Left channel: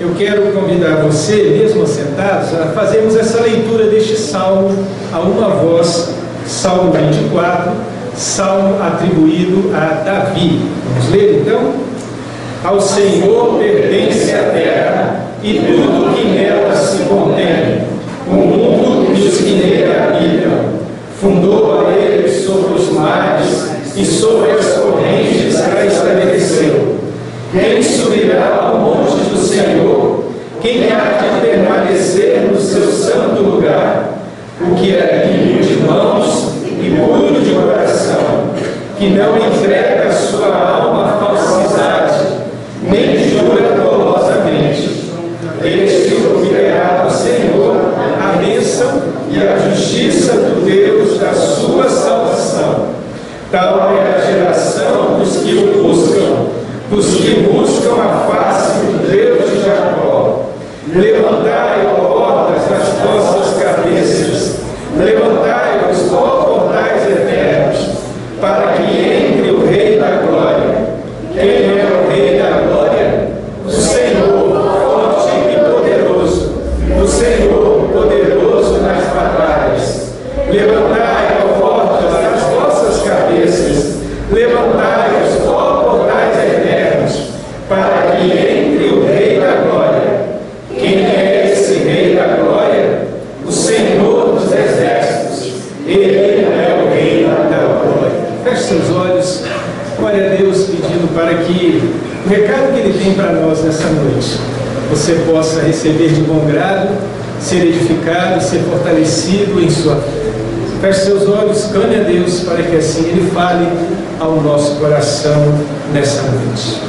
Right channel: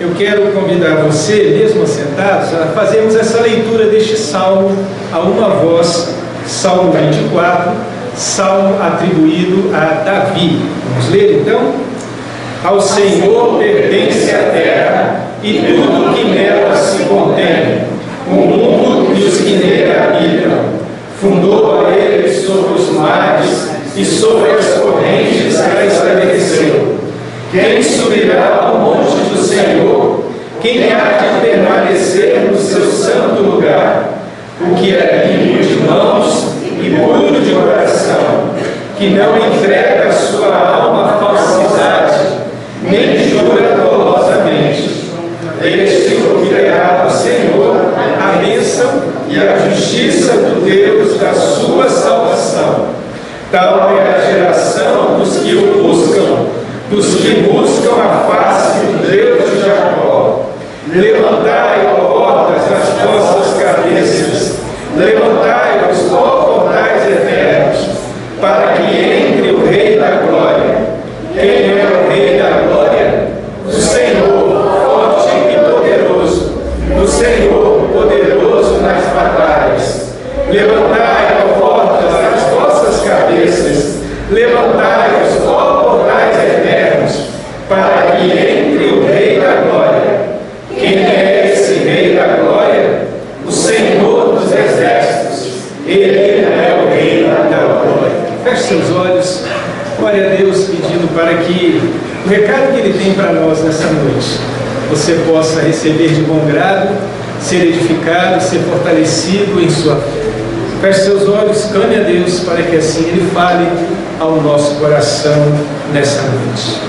eu quero convidar você, mesmo assentados, a fazermos essa leitura deste salmo a uma voz, Salmo 24, salmo atribuído a Davi. Vamos ler então? Ao Senhor pertence a terra e tudo que nela se contém, o mundo e os que nele habitam. Fundou a ele sobre os mares e sobre as correntes a estabeleceu. Quem subirá ao monte do Senhor? Quem há de permanecer no seu santo lugar? O que é limpo de mãos e puro de coração, que não entrega a sua alma à falsidade, nem jura dolosamente. Este ouvirá do Senhor a bênção e a justiça do Deus da sua salvação. Tal é a geração dos que o buscam, dos que buscam a face do Deus de Jacó. Levantai, ó portas, as vossas cabeças, levantai-vos, ó portais eternos, para que entre o Rei da Glória. Quem é o Rei da Glória? O Senhor, forte e poderoso, o Senhor, poderoso nas batalhas. Levantai, ó portas, as vossas cabeças, levantai-vos, ó portais eternos, para que entre o Rei da Glória. Quem é esse Rei da Glória? O Senhor dos Exércitos. Ele é o Rei da Glória. Feche seus olhos, ore a Deus pedindo para que o recado que Ele tem para nós nessa noite, você possa receber de bom grado, ser edificado, ser fortalecido em sua fé. Feche seus olhos, clame a Deus para que assim Ele fale ao nosso coração nessa noite.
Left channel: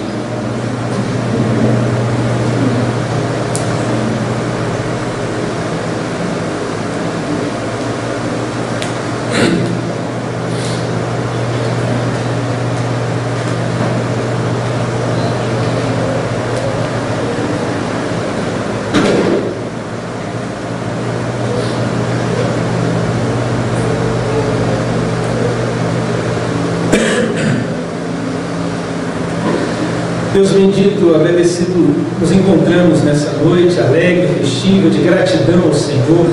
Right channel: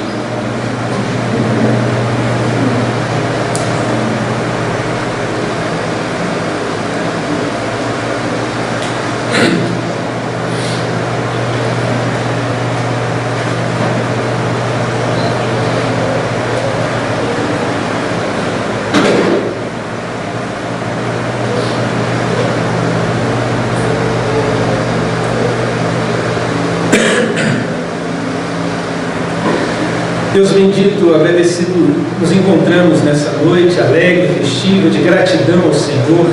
Deus bendito, agradecido, nos encontramos nessa noite alegre, festiva, de gratidão ao Senhor.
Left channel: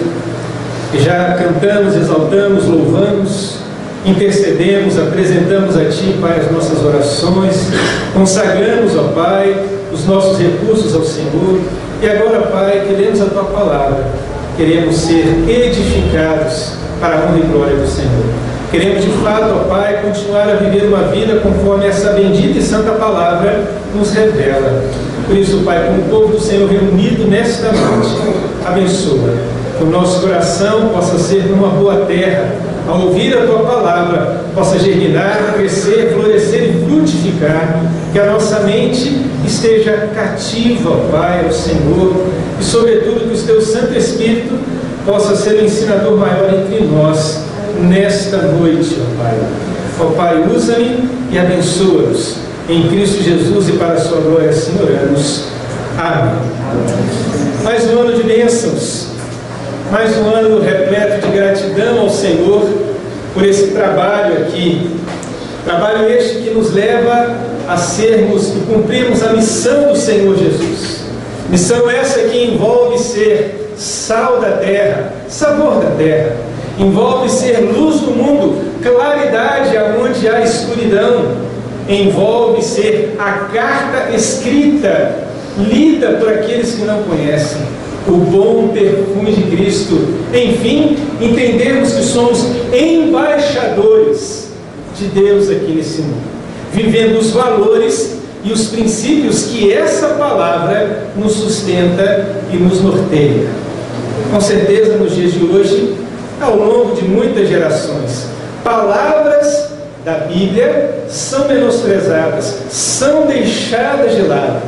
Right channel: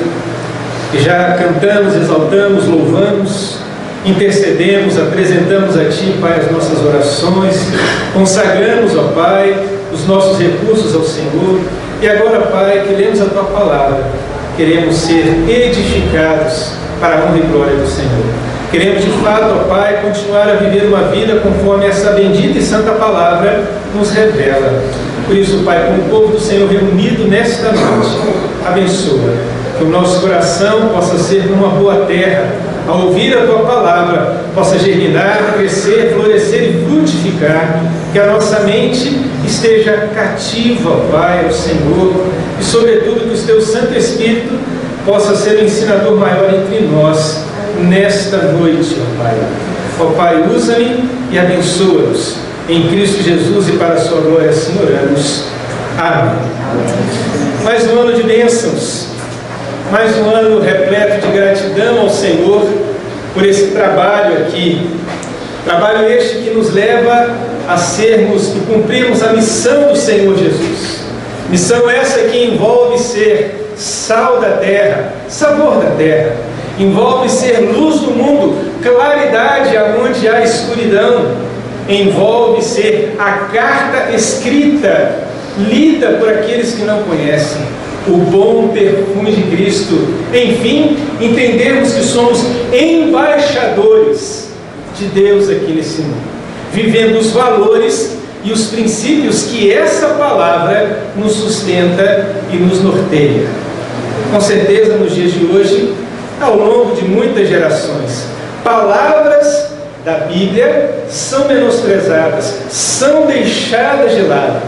E já cantamos, exaltamos, louvamos, intercedemos, apresentamos a Ti, Pai, as nossas orações, consagramos, ó Pai, os nossos recursos ao Senhor. E agora, Pai, que lemos a Tua palavra, queremos ser edificados para a honra e glória do Senhor. Queremos de fato, ó Pai, continuar a viver uma vida conforme essa bendita e santa palavra nos revela. Por isso, Pai, como o povo do Senhor reunido nesta noite, abençoa, que o nosso coração possa ser uma boa terra, ao ouvir a Tua palavra, possa germinar, crescer, florescer e frutificar, que a nossa mente esteja cativa, ó Pai, ao Senhor, e sobretudo que o Teu Santo Espírito possa ser o ensinador maior entre nós, nesta noite, ó Pai. Ó Pai, usa-me e abençoa-nos. Em Cristo Jesus e para a sua glória, assim oramos. Amém. Mais um ano de bênçãos, mais um ano repleto de gratidão ao Senhor por esse trabalho aqui. Trabalho este que nos leva a sermos e cumprirmos a missão do Senhor Jesus. Missão essa que envolve ser sal da terra, sabor da terra. Envolve ser luz do mundo, claridade aonde há escuridão. Envolve ser a carta escrita, lida por aqueles que não conhecem, o bom perfume de Cristo. Enfim, entendermos que somos embaixadores de Deus aqui nesse mundo, vivendo os valores e os princípios que essa palavra nos sustenta e nos norteia. Com certeza, nos dias de hoje, ao longo de muitas gerações, palavras da Bíblia são menosprezadas, são deixadas de lado,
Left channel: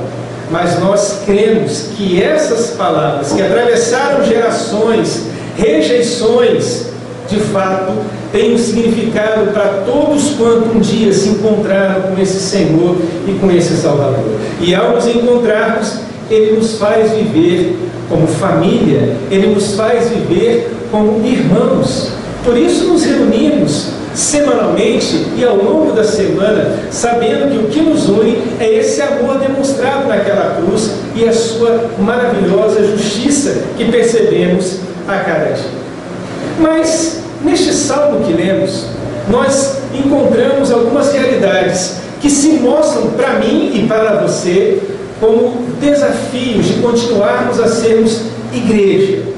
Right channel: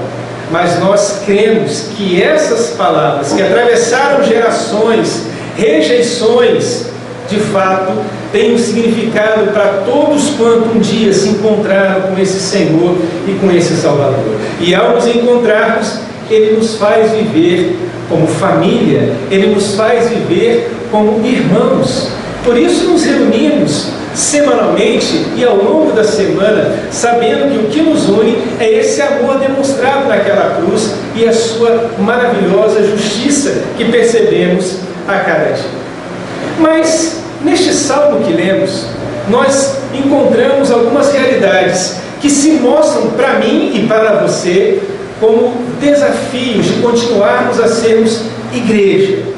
mas nós cremos que essas palavras que atravessaram gerações, rejeições, de fato, têm um significado para todos quanto um dia se encontraram com esse Senhor e com esse Salvador. E ao nos encontrarmos, Ele nos faz viver como família, Ele nos faz viver como irmãos. Por isso nos reunimos, semanalmente e ao longo da semana, sabendo que o que nos une é esse amor demonstrado naquela cruz e a sua maravilhosa justiça que percebemos a cada dia. Mas, neste salmo que lemos, nós encontramos algumas realidades que se mostram para mim e para você como desafios de continuarmos a sermos igreja.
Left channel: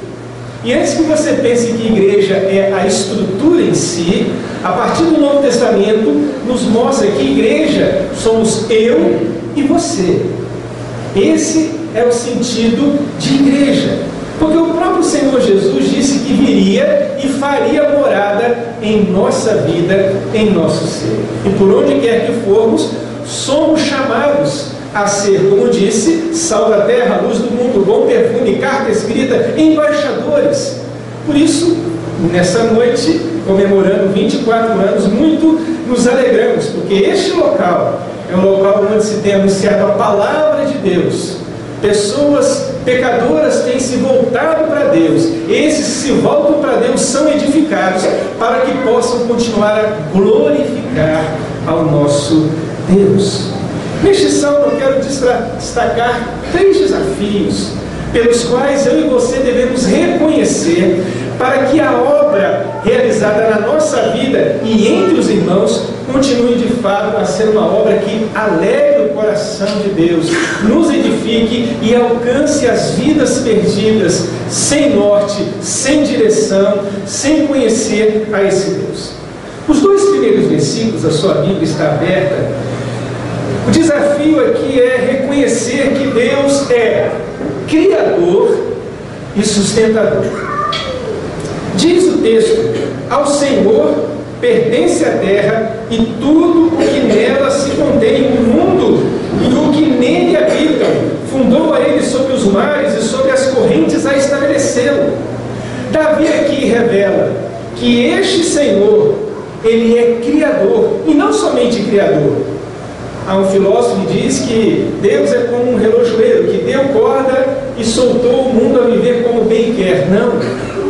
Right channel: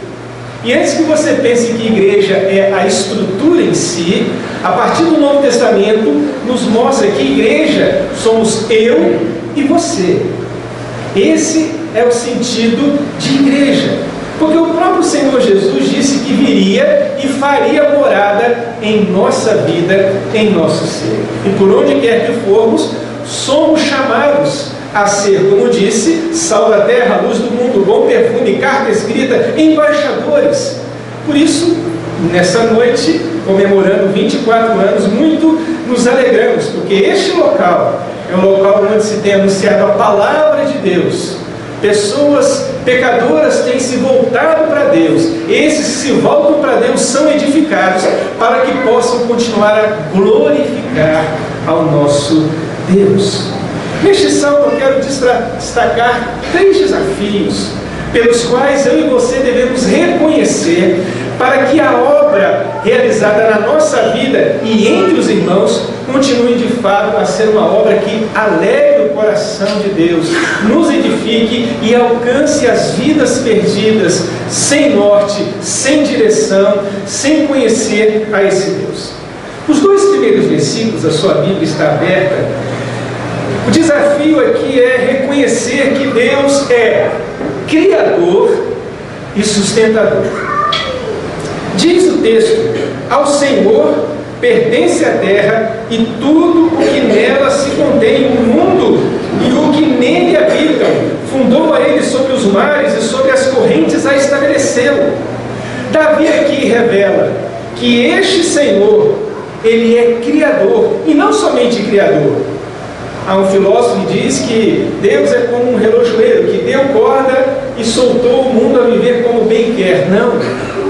E antes que você pense que igreja é a estrutura em si, a partir do Novo Testamento nos mostra que igreja somos eu e você. Esse é o sentido de igreja. Porque o próprio Senhor Jesus disse que viria e faria morada em nossa vida, em nosso ser. E por onde quer que formos, somos chamados a ser, como disse, sal da terra, luz do mundo, bom perfume, carta escrita, embaixadores. Por isso, nessa noite, comemorando 24 anos, muito nos alegramos, porque este local é um local onde se tem anunciado a palavra de Deus. Pessoas pecadoras têm se voltado para Deus. Esses que se voltam para Deus são edificados para que possam continuar a glorificar ao nosso Deus. Neste salmo eu quero destacar 3 desafios pelos quais eu e você devemos reconhecer para que a obra realizada na nossa vida e entre os irmãos continue de fato a ser uma obra que alegre o coração de Deus, nos edifique e alcance as vidas perdidas, sem norte, sem direção, sem conhecer a esse Deus. Os 2 primeiros versículos da sua Bíblia está aberta. O desafio aqui é reconhecer que Deus é Criador e sustentador. Diz o texto: ao Senhor pertence a terra e tudo o que nela se contém, o mundo e o que nele habitam. Fundou a ele sobre os mares e sobre as correntes a estabelecê-lo. Davi aqui revela que este Senhor, ele é Criador, e não somente Criador. Há um filósofo que diz que Deus é como um relojoeiro, que deu corda e soltou o mundo a viver como bem quer. Não,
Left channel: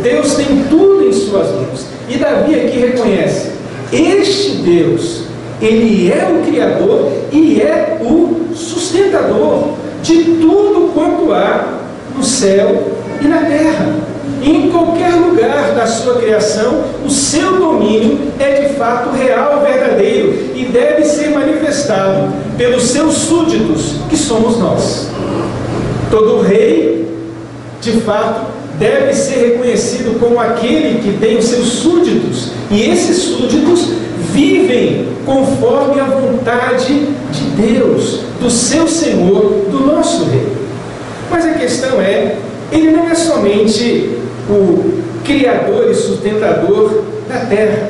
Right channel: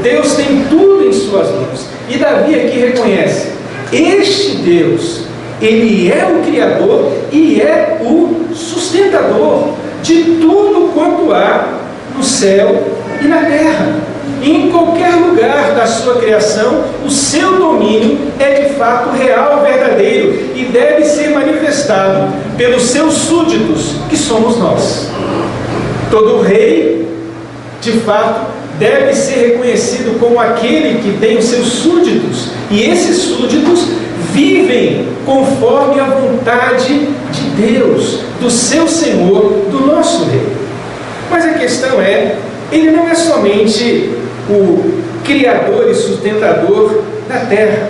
Deus tem tudo em suas mãos. E Davi aqui reconhece, este Deus, ele é o Criador e é o sustentador de tudo quanto há no céu e na terra. E em qualquer lugar da sua criação, o seu domínio é de fato real, verdadeiro, e deve ser manifestado pelos seus súditos, que somos nós. Todo rei, de fato, deve ser reconhecido como aquele que tem os seus súditos, e esses súditos vivem conforme a vontade de Deus, do seu Senhor, do nosso Rei. Mas a questão é, ele não é somente o Criador e sustentador da terra.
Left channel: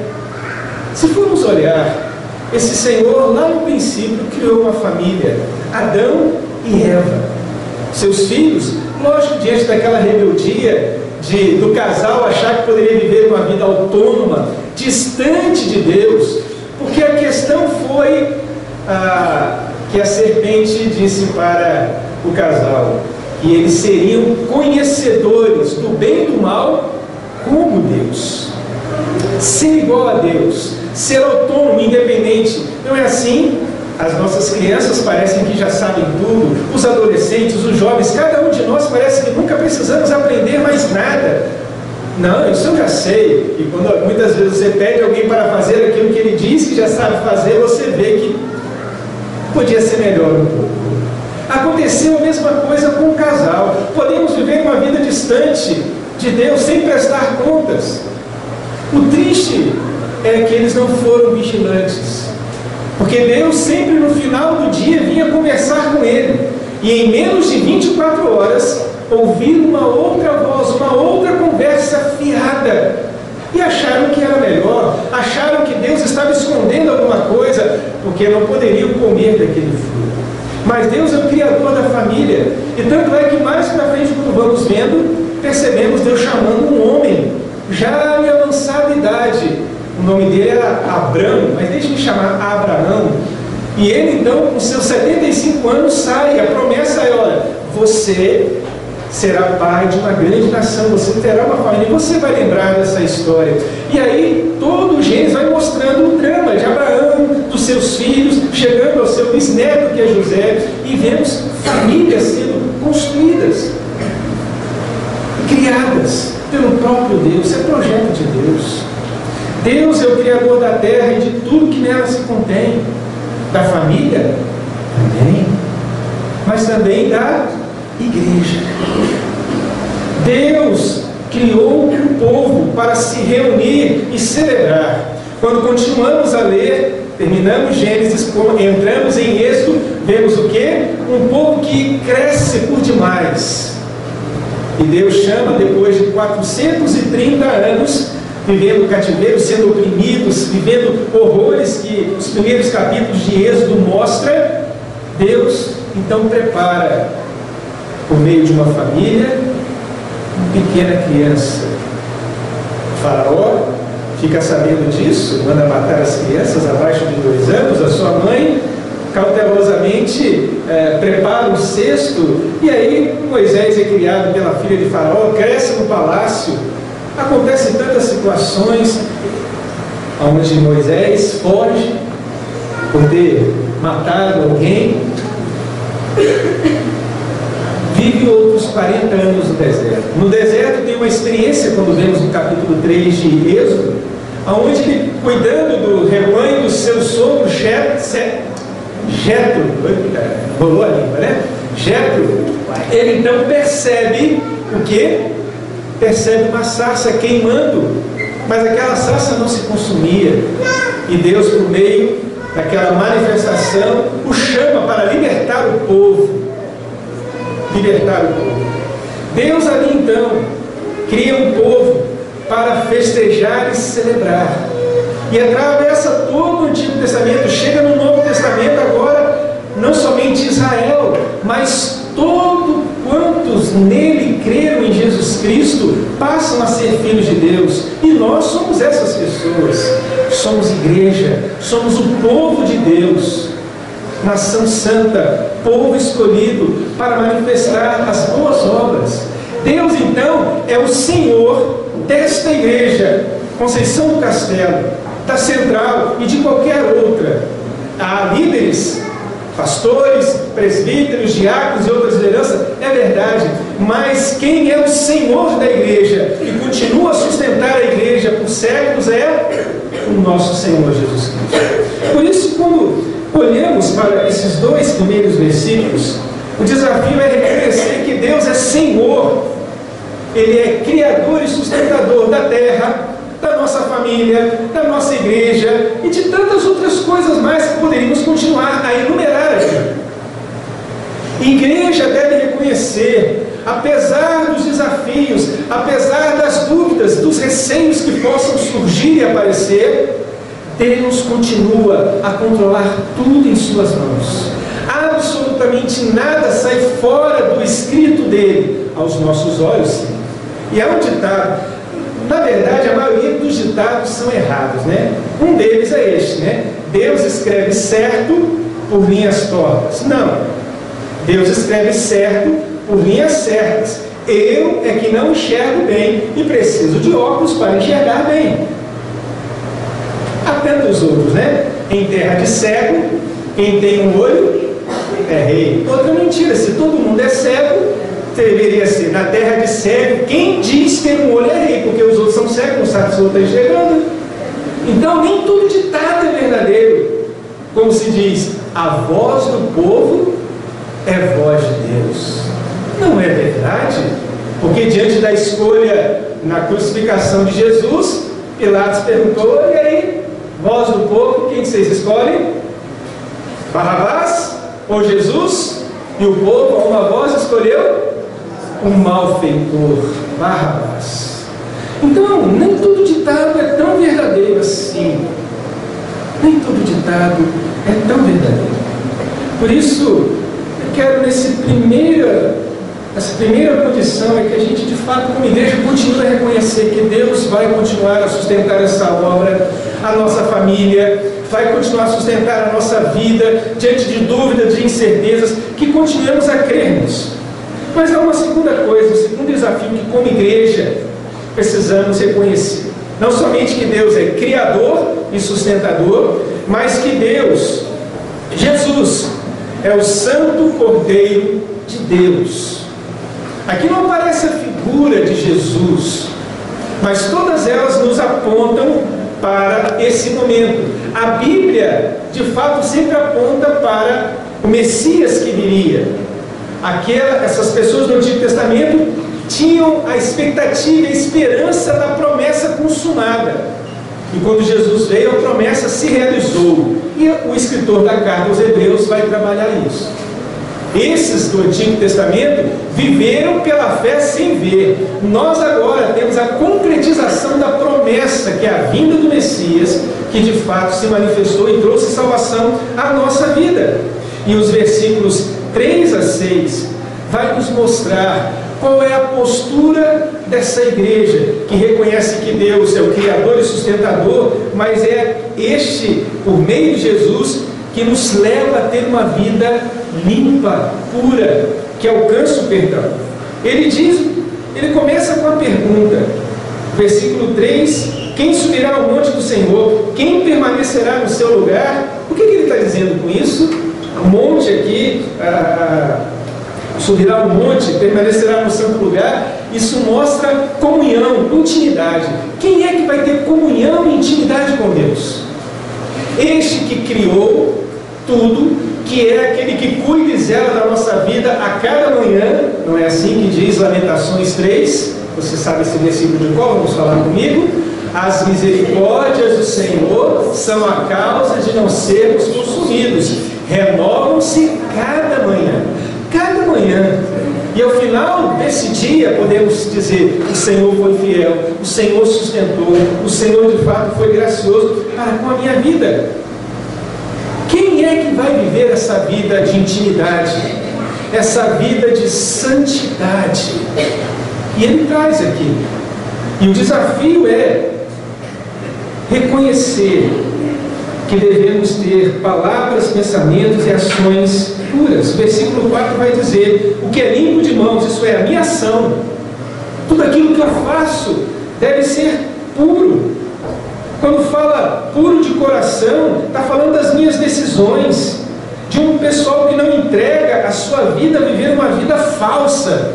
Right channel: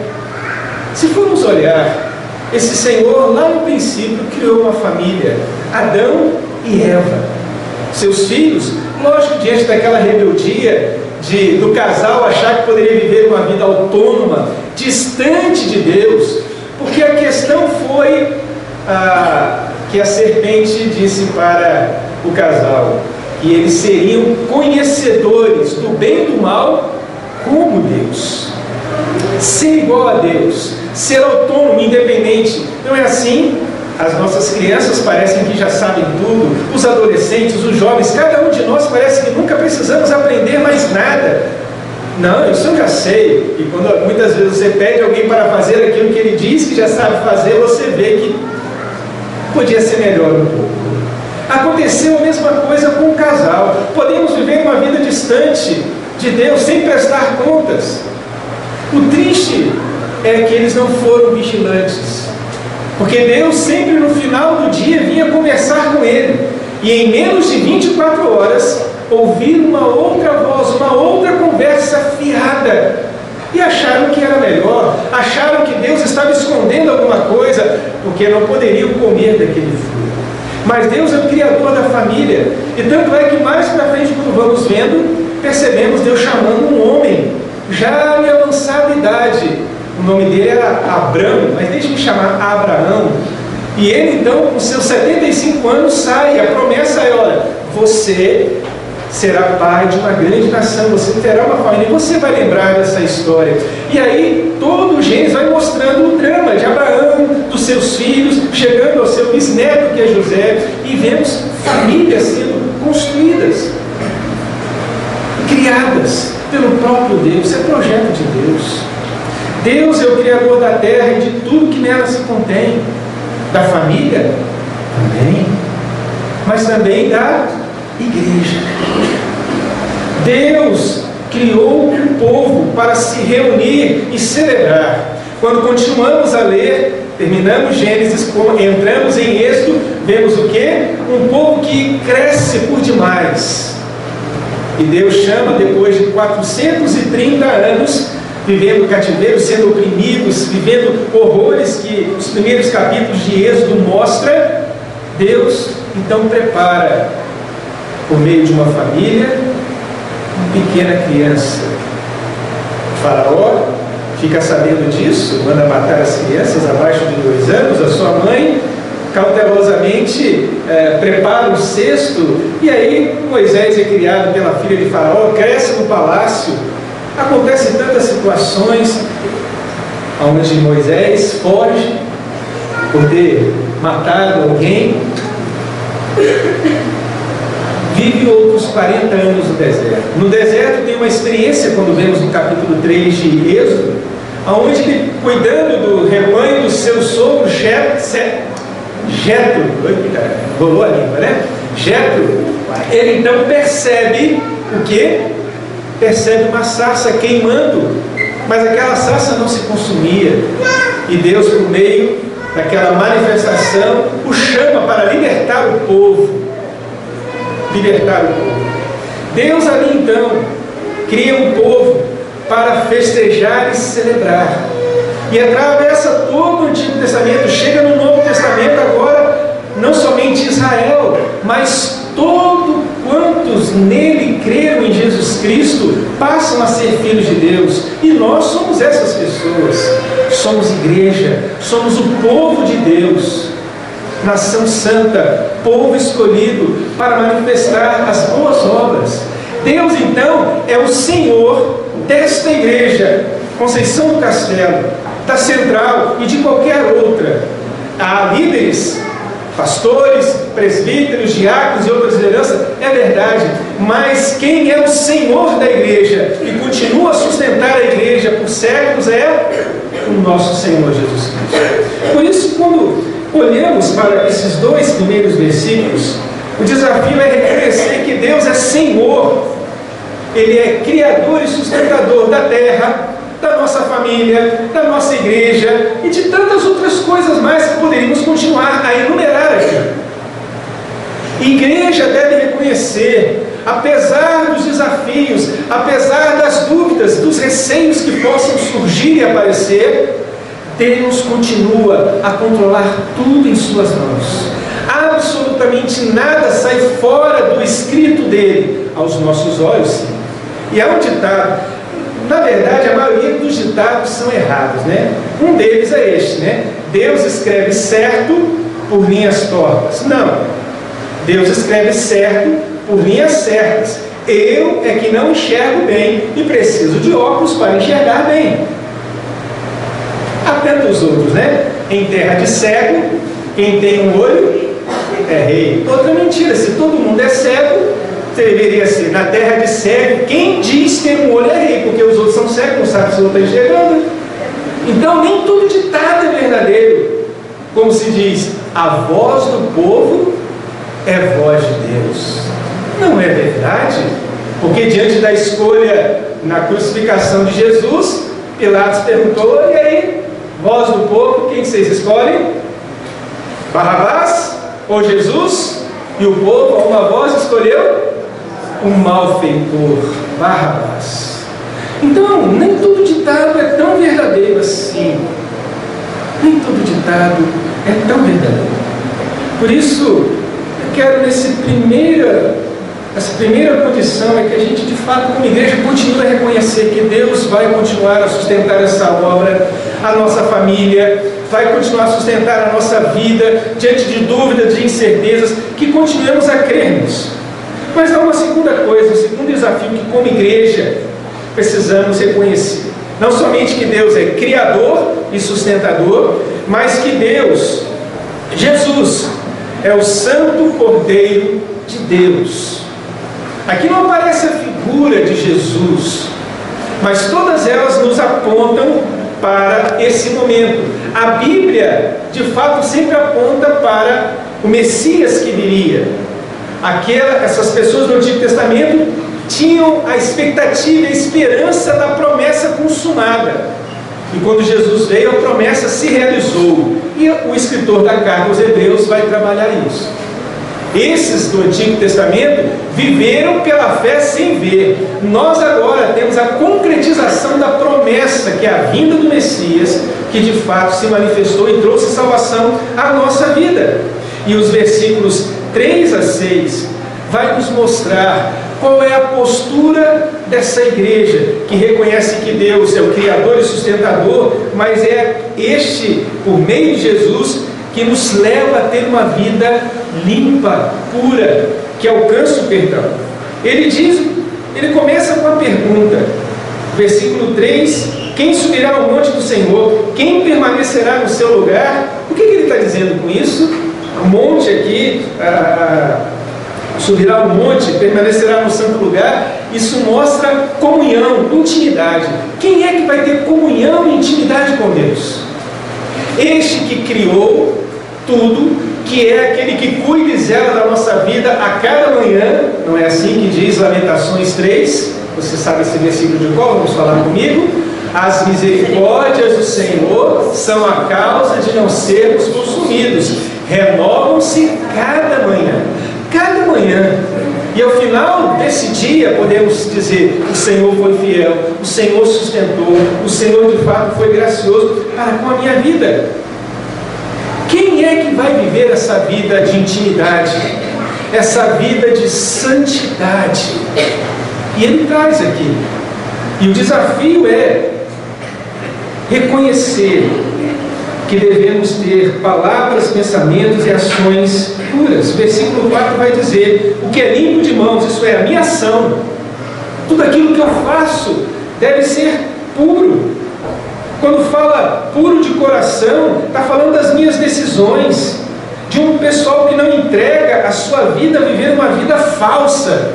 Se formos olhar, esse Senhor lá no princípio criou uma família, Adão e Eva. Seus filhos, lógico, diante daquela rebeldia do casal achar que poderia viver uma vida autônoma, distante de Deus, porque a questão foi que a serpente disse para o casal que eles seriam conhecedores do bem e do mal como Deus. Ser igual a Deus, ser autônomo, independente. Não é assim? As nossas crianças parecem que já sabem tudo, os adolescentes, os jovens, cada um de nós parece que nunca precisamos aprender mais nada. Não, isso eu já sei. E quando muitas vezes você pede alguém para fazer aquilo que ele diz que já sabe fazer, você vê que podia ser melhor um pouco. Aconteceu a mesma coisa com o casal. Podemos viver uma vida distante de Deus sem prestar contas. O triste é que eles não foram vigilantes, porque Deus sempre no final do dia vinha conversar com ele, e em menos de 24 horas ouviram uma outra voz, uma outra conversa fiada, e acharam que era melhor, acharam que Deus estava escondendo alguma coisa, porque não poderiam comer daquele fruto. Mas Deus é o Criador da família, e tanto é que mais para frente, quando vamos vendo, percebemos Deus chamando um homem, já em avançada idade. O nome dele era Abrão, mas deixe-me chamar Abraão. E ele então, com seus 75 anos, sai. A promessa é: olha, você será pai de uma grande nação, você terá uma família, e você vai lembrar dessa história. E aí todo o Gênesis vai mostrando o drama de Abraão, dos seus filhos, chegando ao seu bisneto, que é José, e vemos famílias sendo construídas, criadas pelo próprio Deus. Isso é projeto de Deus. Deus é o Criador da terra e de tudo que nela se contém, da família também, mas também da igreja. Deus criou um povo para se reunir e celebrar. Quando continuamos a ler, terminamos Gênesis, entramos em Êxodo, vemos o quê? Um povo que cresce por demais. E Deus chama, depois de 430 anos, vivendo cativeiro, sendo oprimidos, vivendo horrores que os primeiros capítulos de Êxodo mostram, Deus então prepara, por meio de uma família, uma pequena criança. O Faraó fica sabendo disso, manda matar as crianças abaixo de 2 anos. A sua mãe cautelosamente prepara um cesto, e aí Moisés é criado pela filha de Faraó, cresce no palácio. Acontecem tantas situações onde Moisés foge por ter matado alguém, vive outros 40 anos no deserto. No deserto tem uma experiência, quando vemos no capítulo 3 de Êxodo, onde ele, cuidando do rebanho do seu sogro Jetro, rolou a língua, né? Jetro, ele então percebe o quê? Percebe uma sarça queimando, mas aquela sarça não se consumia, e Deus, por meio daquela manifestação, o chama para libertar o povo. Deus ali então cria um povo para festejar e celebrar, e atravessa todo o Antigo Testamento, chega no Novo Testamento agora, não somente Israel, mas todo quantos nele creram em Jesus Cristo passam a ser filhos de Deus. E nós somos essas pessoas, somos igreja, somos o povo de Deus, nação santa, povo escolhido para manifestar as boas obras. Deus então é o Senhor desta igreja, Conceição do Castelo, da Central e de qualquer outra. Há líderes, pastores, presbíteros, diáconos e outras lideranças, é verdade, mas quem é o Senhor da igreja e continua a sustentar a igreja por séculos é o nosso Senhor Jesus Cristo. Por isso, quando olhamos para esses 2 primeiros versículos, o desafio é reconhecer que Deus é Senhor, Ele é Criador e sustentador da terra, da nossa família, da nossa igreja e de tantas outras coisas mais que poderíamos continuar a enumerar aqui. Igreja deve reconhecer, apesar dos desafios, apesar das dúvidas, dos receios que possam surgir e aparecer, Deus continua a controlar tudo em suas mãos. Absolutamente nada sai fora do escrito dele, aos nossos olhos, sim. E há um ditado, na verdade a maioria dos ditados são errados, né? Um deles é este, né? Deus escreve certo por linhas tortas. Não, Deus escreve certo por linhas certas. Eu é que não enxergo bem e preciso de óculos para enxergar bem. Há tantos outros, né? Em terra de cego, quem tem um olho é rei. Outra mentira, se todo mundo é cego, deveria ser na terra de cego, quem diz ter um olho é rei, porque os outros são cegos, não sabem se o outro está enxergando. Então nem tudo ditado é verdadeiro. Como se diz, a voz do povo é voz de Deus. Não é verdade, porque diante da escolha na crucificação de Jesus, Pilatos perguntou, e aí, voz do povo, quem vocês escolhem? Barrabás ou Jesus? E o povo, a uma voz, escolheu um malfeitor, Barrabás. Então, nem todo ditado é tão verdadeiro assim. Nem todo ditado é tão verdadeiro. Por isso, eu quero essa primeira condição é que a gente, de fato, como igreja, continue a reconhecer que Deus vai continuar a sustentar essa obra, a nossa família, vai continuar a sustentar a nossa vida, diante de dúvidas, de incertezas, que continuemos a crer nisso. Mas há uma segunda coisa, um segundo desafio que como igreja precisamos reconhecer. Não somente que Deus é criador e sustentador, mas que Deus, Jesus, é o Santo Cordeiro de Deus. Aqui não aparece a figura de Jesus, mas todas elas nos apontam para esse momento. A Bíblia, de fato, sempre aponta para o Messias que viria. Essas pessoas no Antigo Testamento tinham a expectativa e a esperança da promessa consumada. E quando Jesus veio, a promessa se realizou. E o escritor da carta aos Hebreus vai trabalhar isso. Esses do Antigo Testamento viveram pela fé sem ver. Nós agora temos a concretização da promessa, que é a vinda do Messias, que de fato se manifestou e trouxe salvação à nossa vida. E os versículos 3 a 6 vai nos mostrar qual é a postura dessa igreja, que reconhece que Deus é o Criador e sustentador, mas é este, por meio de Jesus, que nos leva a ter uma vida limpa, pura, que alcança o perdão. Ele começa com a pergunta, versículo 3, quem subirá ao monte do Senhor? Quem permanecerá no seu lugar? O que ele está dizendo com isso? O monte aqui, subirá ao monte, permanecerá no santo lugar. Isso mostra comunhão, intimidade. Quem é que vai ter comunhão e intimidade com Deus? Este que criou tudo, que é aquele que cuida e zela da nossa vida a cada manhã. Não é assim que diz Lamentações 3? Você sabe esse versículo de qual? Vamos falar comigo. As misericórdias do Senhor são a causa de não sermos consumidos, renovam-se cada manhã. Cada manhã. E ao final desse dia podemos dizer: o Senhor foi fiel, o Senhor sustentou, o Senhor de fato foi gracioso para com a minha vida. Quem é que vai viver essa vida de intimidade, essa vida de santidade? E ele traz aqui. E o desafio é reconhecer que devemos ter palavras, pensamentos e ações puras. O versículo 4 vai dizer: o que é limpo de mãos, isso é, a minha ação, tudo aquilo que eu faço deve ser puro. Quando fala puro de coração, está falando das minhas decisões, de um pessoal que não entrega a sua vida a viver uma vida falsa,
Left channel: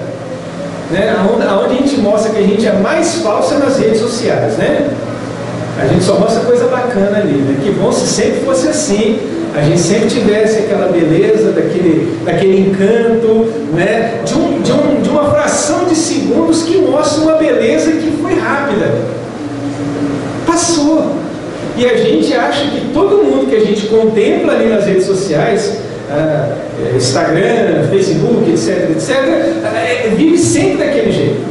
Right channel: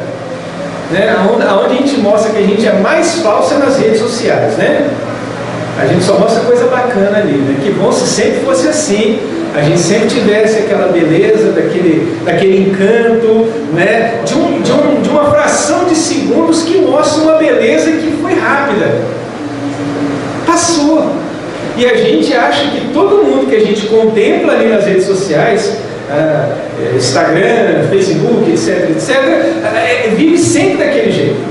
né? Onde a gente mostra que a gente é mais falsa nas redes sociais, né? A gente só mostra coisa bacana ali, né? Que bom se sempre fosse assim, a gente sempre tivesse aquela beleza, daquele encanto, né? De uma fração de segundos que mostra uma beleza que foi rápida, passou. E a gente acha que todo mundo que a gente contempla ali nas redes sociais, Instagram, Facebook, etc, vive sempre daquele jeito.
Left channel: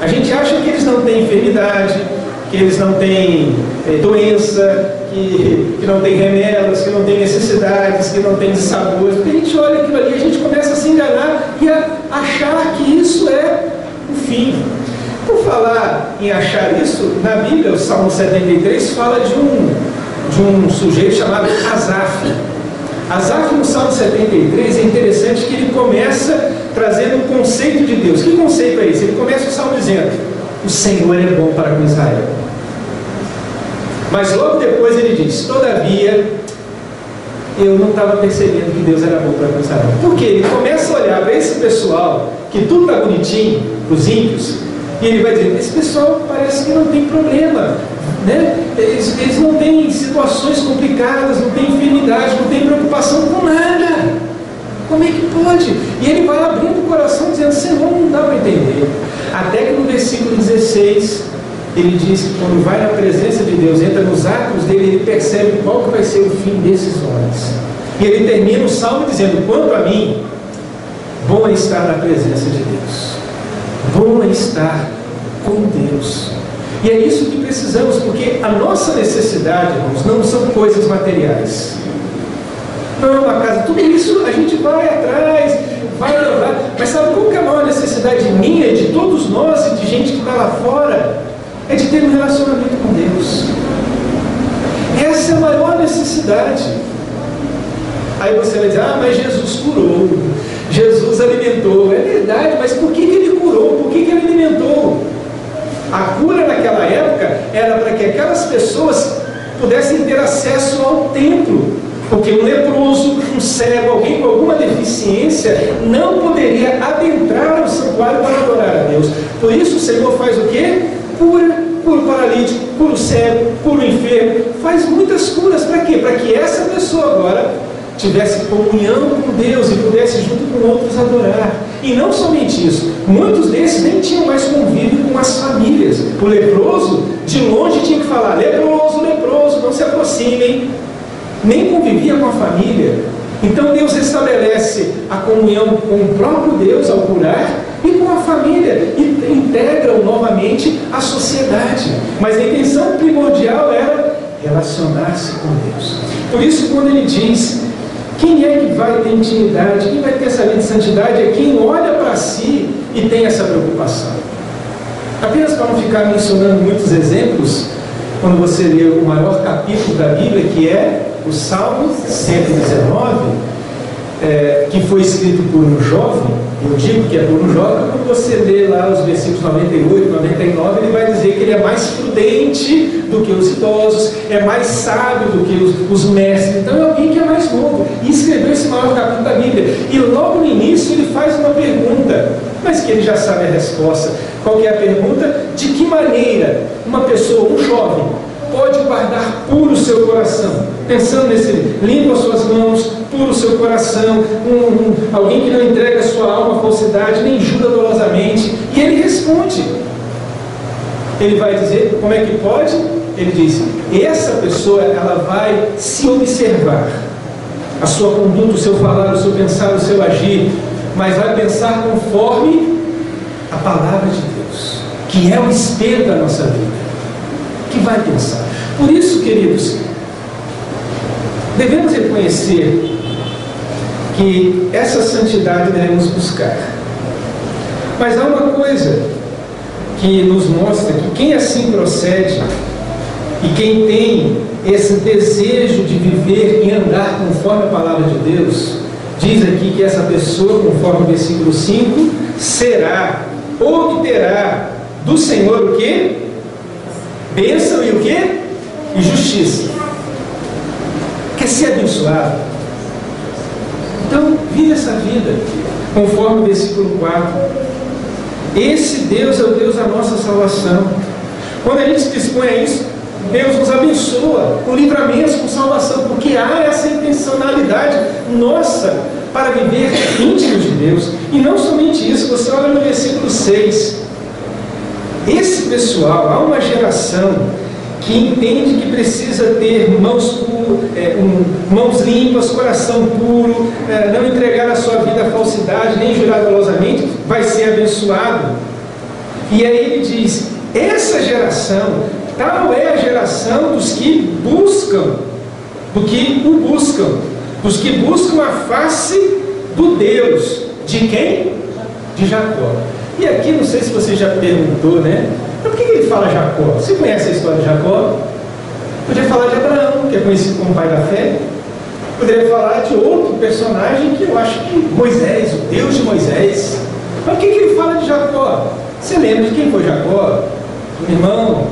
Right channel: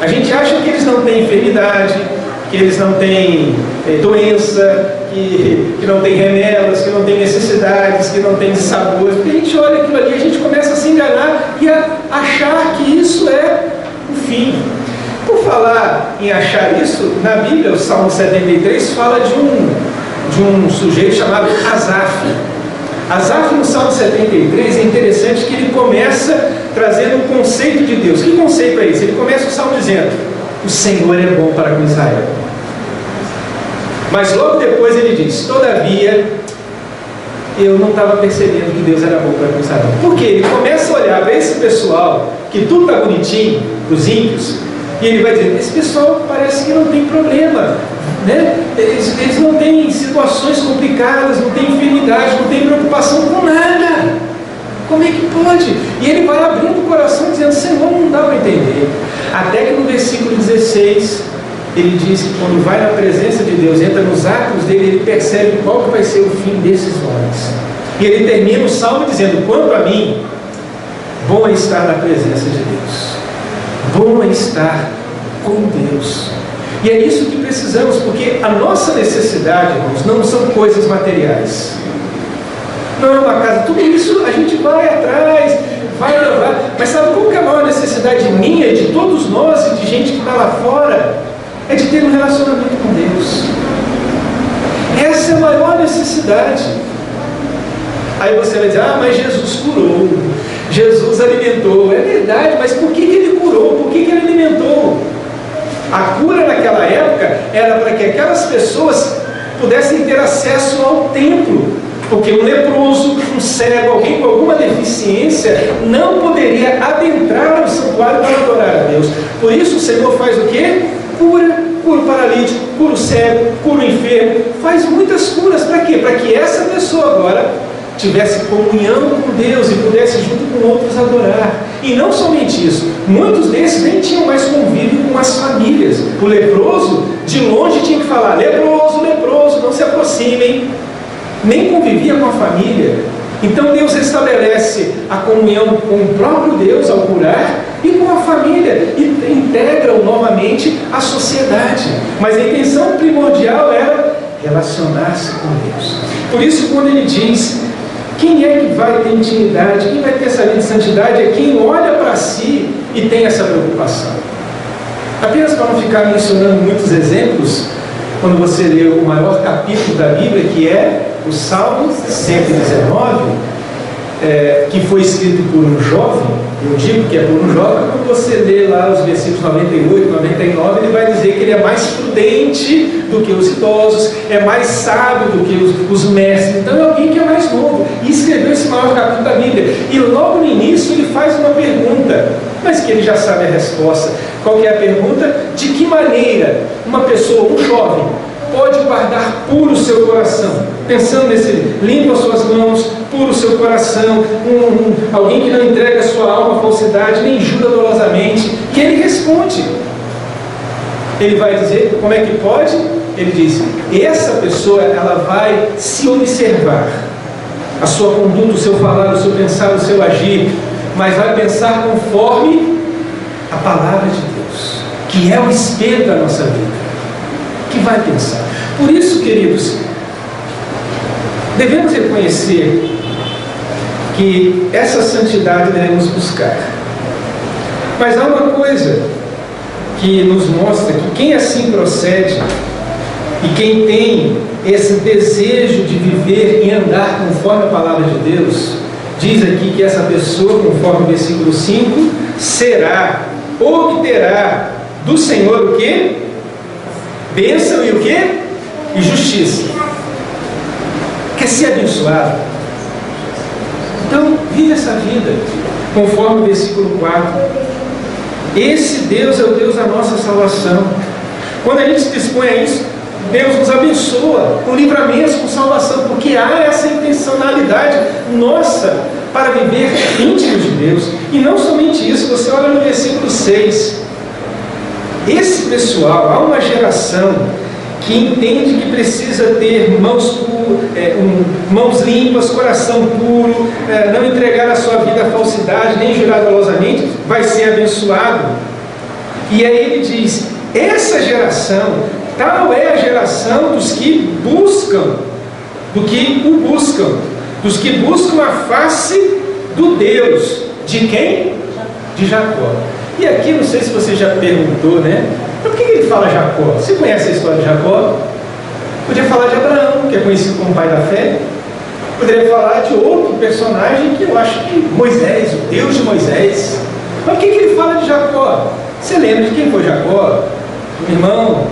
A gente acha que eles não têm enfermidade, que eles não têm doença, que não têm remelas, que não têm necessidades, que não têm dissabores. Porque a gente olha aquilo ali, a gente começa a se enganar e a achar que isso é o fim. Por falar em achar isso, na Bíblia, o Salmo 73 fala de um sujeito chamado Asaf. Asaf, no Salmo 73, é interessante que ele começa trazendo um conceito de Deus. Que conceito é esse? Ele começa o Salmo dizendo: o Senhor é bom para com Israel. Mas logo depois ele diz: todavia, eu não estava percebendo que Deus era bom para com Israel. Por quê? Ele começa a olhar para esse pessoal, que tudo está bonitinho, os ímpios, e ele vai dizer: esse pessoal parece que não tem problema, né? Eles não têm situações complicadas, não têm enfermidade, não têm preocupação com nada. Como é que pode? E ele vai abrindo o coração dizendo: Senhor, não dá para entender. Até que no versículo 16 ele diz que quando vai na presença de Deus, entra nos atos dele, ele percebe qual que vai ser o fim desses homens. E ele termina o salmo dizendo: quanto a mim, bom é estar na presença de Deus, bom é estar com Deus. E é isso que precisamos, porque a nossa necessidade, irmãos, não são coisas materiais. Não é uma casa, tudo isso a gente vai atrás, vai levar. Mas sabe qual que é a maior necessidade minha e de todos nós e de gente que está lá fora? É de ter um relacionamento com Deus. Essa é a maior necessidade. Aí você vai dizer: ah, mas Jesus curou, Jesus alimentou. É verdade, mas por que ele curou? Por que ele alimentou? A cura naquela época era para que aquelas pessoas pudessem ter acesso ao templo, porque um leproso, um cego, alguém com alguma deficiência não poderia adentrar o santuário para adorar a Deus. Por isso o Senhor faz o quê? Cura o paralítico, cura o cego, cura o enfermo, faz muitas curas. Para quê? Para que essa pessoa agora tivesse comunhão com Deus e pudesse junto com outros adorar. E não somente isso, muitos desses nem tinham mais convívio com as famílias. O leproso, de longe tinha que falar: leproso, leproso, não se aproximem. Nem convivia com a família. Então Deus estabelece a comunhão com o próprio Deus ao curar e com a família, e integram novamente a sociedade. Mas a intenção primordial era relacionar-se com Deus. Por isso, quando ele diz: quem é que vai ter intimidade, quem vai ter essa vida de santidade, é quem olha para si e tem essa preocupação. Apenas para não ficar mencionando muitos exemplos, quando você lê o maior capítulo da Bíblia, que é o Salmo 119, que foi escrito por um jovem, eu digo que é por um jovem, quando você lê lá os versículos 98, 99, ele vai dizer que ele é mais prudente do que os idosos, é mais sábio do que os mestres. Então é alguém que é mais novo, e escreveu esse maior capítulo da Bíblia. E logo no início ele faz uma pergunta, mas que ele já sabe a resposta. Qual que é a pergunta? De que maneira uma pessoa, um jovem, pode guardar puro o seu coração? Pensando nesse, limpa suas mãos, puro o seu coração, alguém que não entrega a sua alma à falsidade, nem jura dolosamente. E ele responde. Ele vai dizer, como é que pode? Ele diz: essa pessoa, ela vai se observar, a sua conduta, o seu falar, o seu pensar, o seu agir, mas vai pensar conforme a palavra de Deus, que é o espelho da nossa vida, que vai pensar. Por isso, queridos, devemos reconhecer que essa santidade devemos buscar. Mas há uma coisa que nos mostra que quem assim procede e quem tem esse desejo de viver e andar conforme a palavra de Deus, diz aqui que essa pessoa, conforme o versículo 5, será, obterá do Senhor o quê? Bênção e o quê? E justiça. Quer ser abençoado? Então, vive essa vida conforme o versículo 4. Esse Deus é o Deus da nossa salvação. Quando a gente se dispõe a isso, Deus nos abençoa com livramentos, com salvação, porque há essa intencionalidade nossa para viver íntimos de Deus. E não somente isso, você olha no versículo 6. Esse pessoal, há uma geração que entende que precisa ter mãos limpas, coração puro, não entregar a sua vida à falsidade, nem jurar dolosamente, vai ser abençoado. E aí ele diz: essa geração, tal é a geração dos que buscam, dos que buscam a face do Deus. De quem? De Jacó. E aqui, não sei se você já perguntou, né? Então, por que ele fala Jacó? Você conhece a história de Jacó? Podia falar de Abraão, que é conhecido como pai da fé. Poderia falar de outro personagem que eu acho que Moisés, o Deus de Moisés. Mas por que ele fala de Jacó? Você lembra de quem foi Jacó? Um irmão.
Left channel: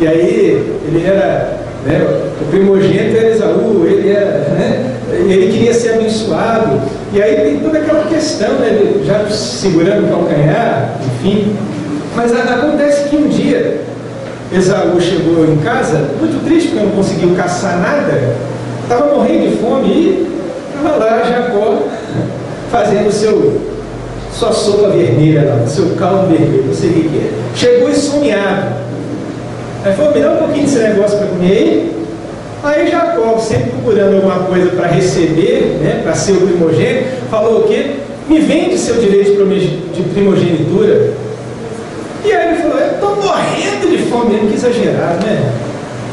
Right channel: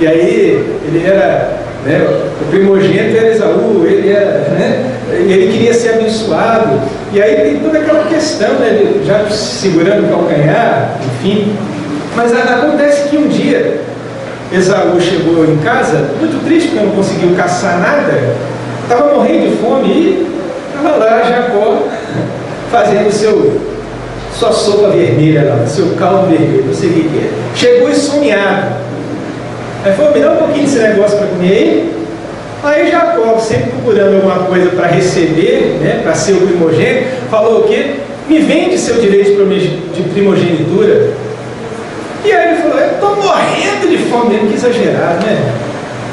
E aí, ele era, né, o primogênito era Esaú, ele queria ser abençoado. E aí tem toda aquela questão, né, ele já segurando o calcanhar, enfim. Mas acontece que um dia Esaú chegou em casa muito triste porque não conseguiu caçar nada, estava morrendo de fome, e estava lá Jacó fazendo sua sopa vermelha lá, seu caldo vermelho, não sei o que é. Chegou esfomeado. Aí falou: me dá um pouquinho desse negócio para comer. Aí Jacó, sempre procurando alguma coisa para receber, né, para ser o primogênito, falou o quê? Me vende seu direito de primogenitura. E aí ele falou: eu estou morrendo de fome, mesmo que exagerado, né?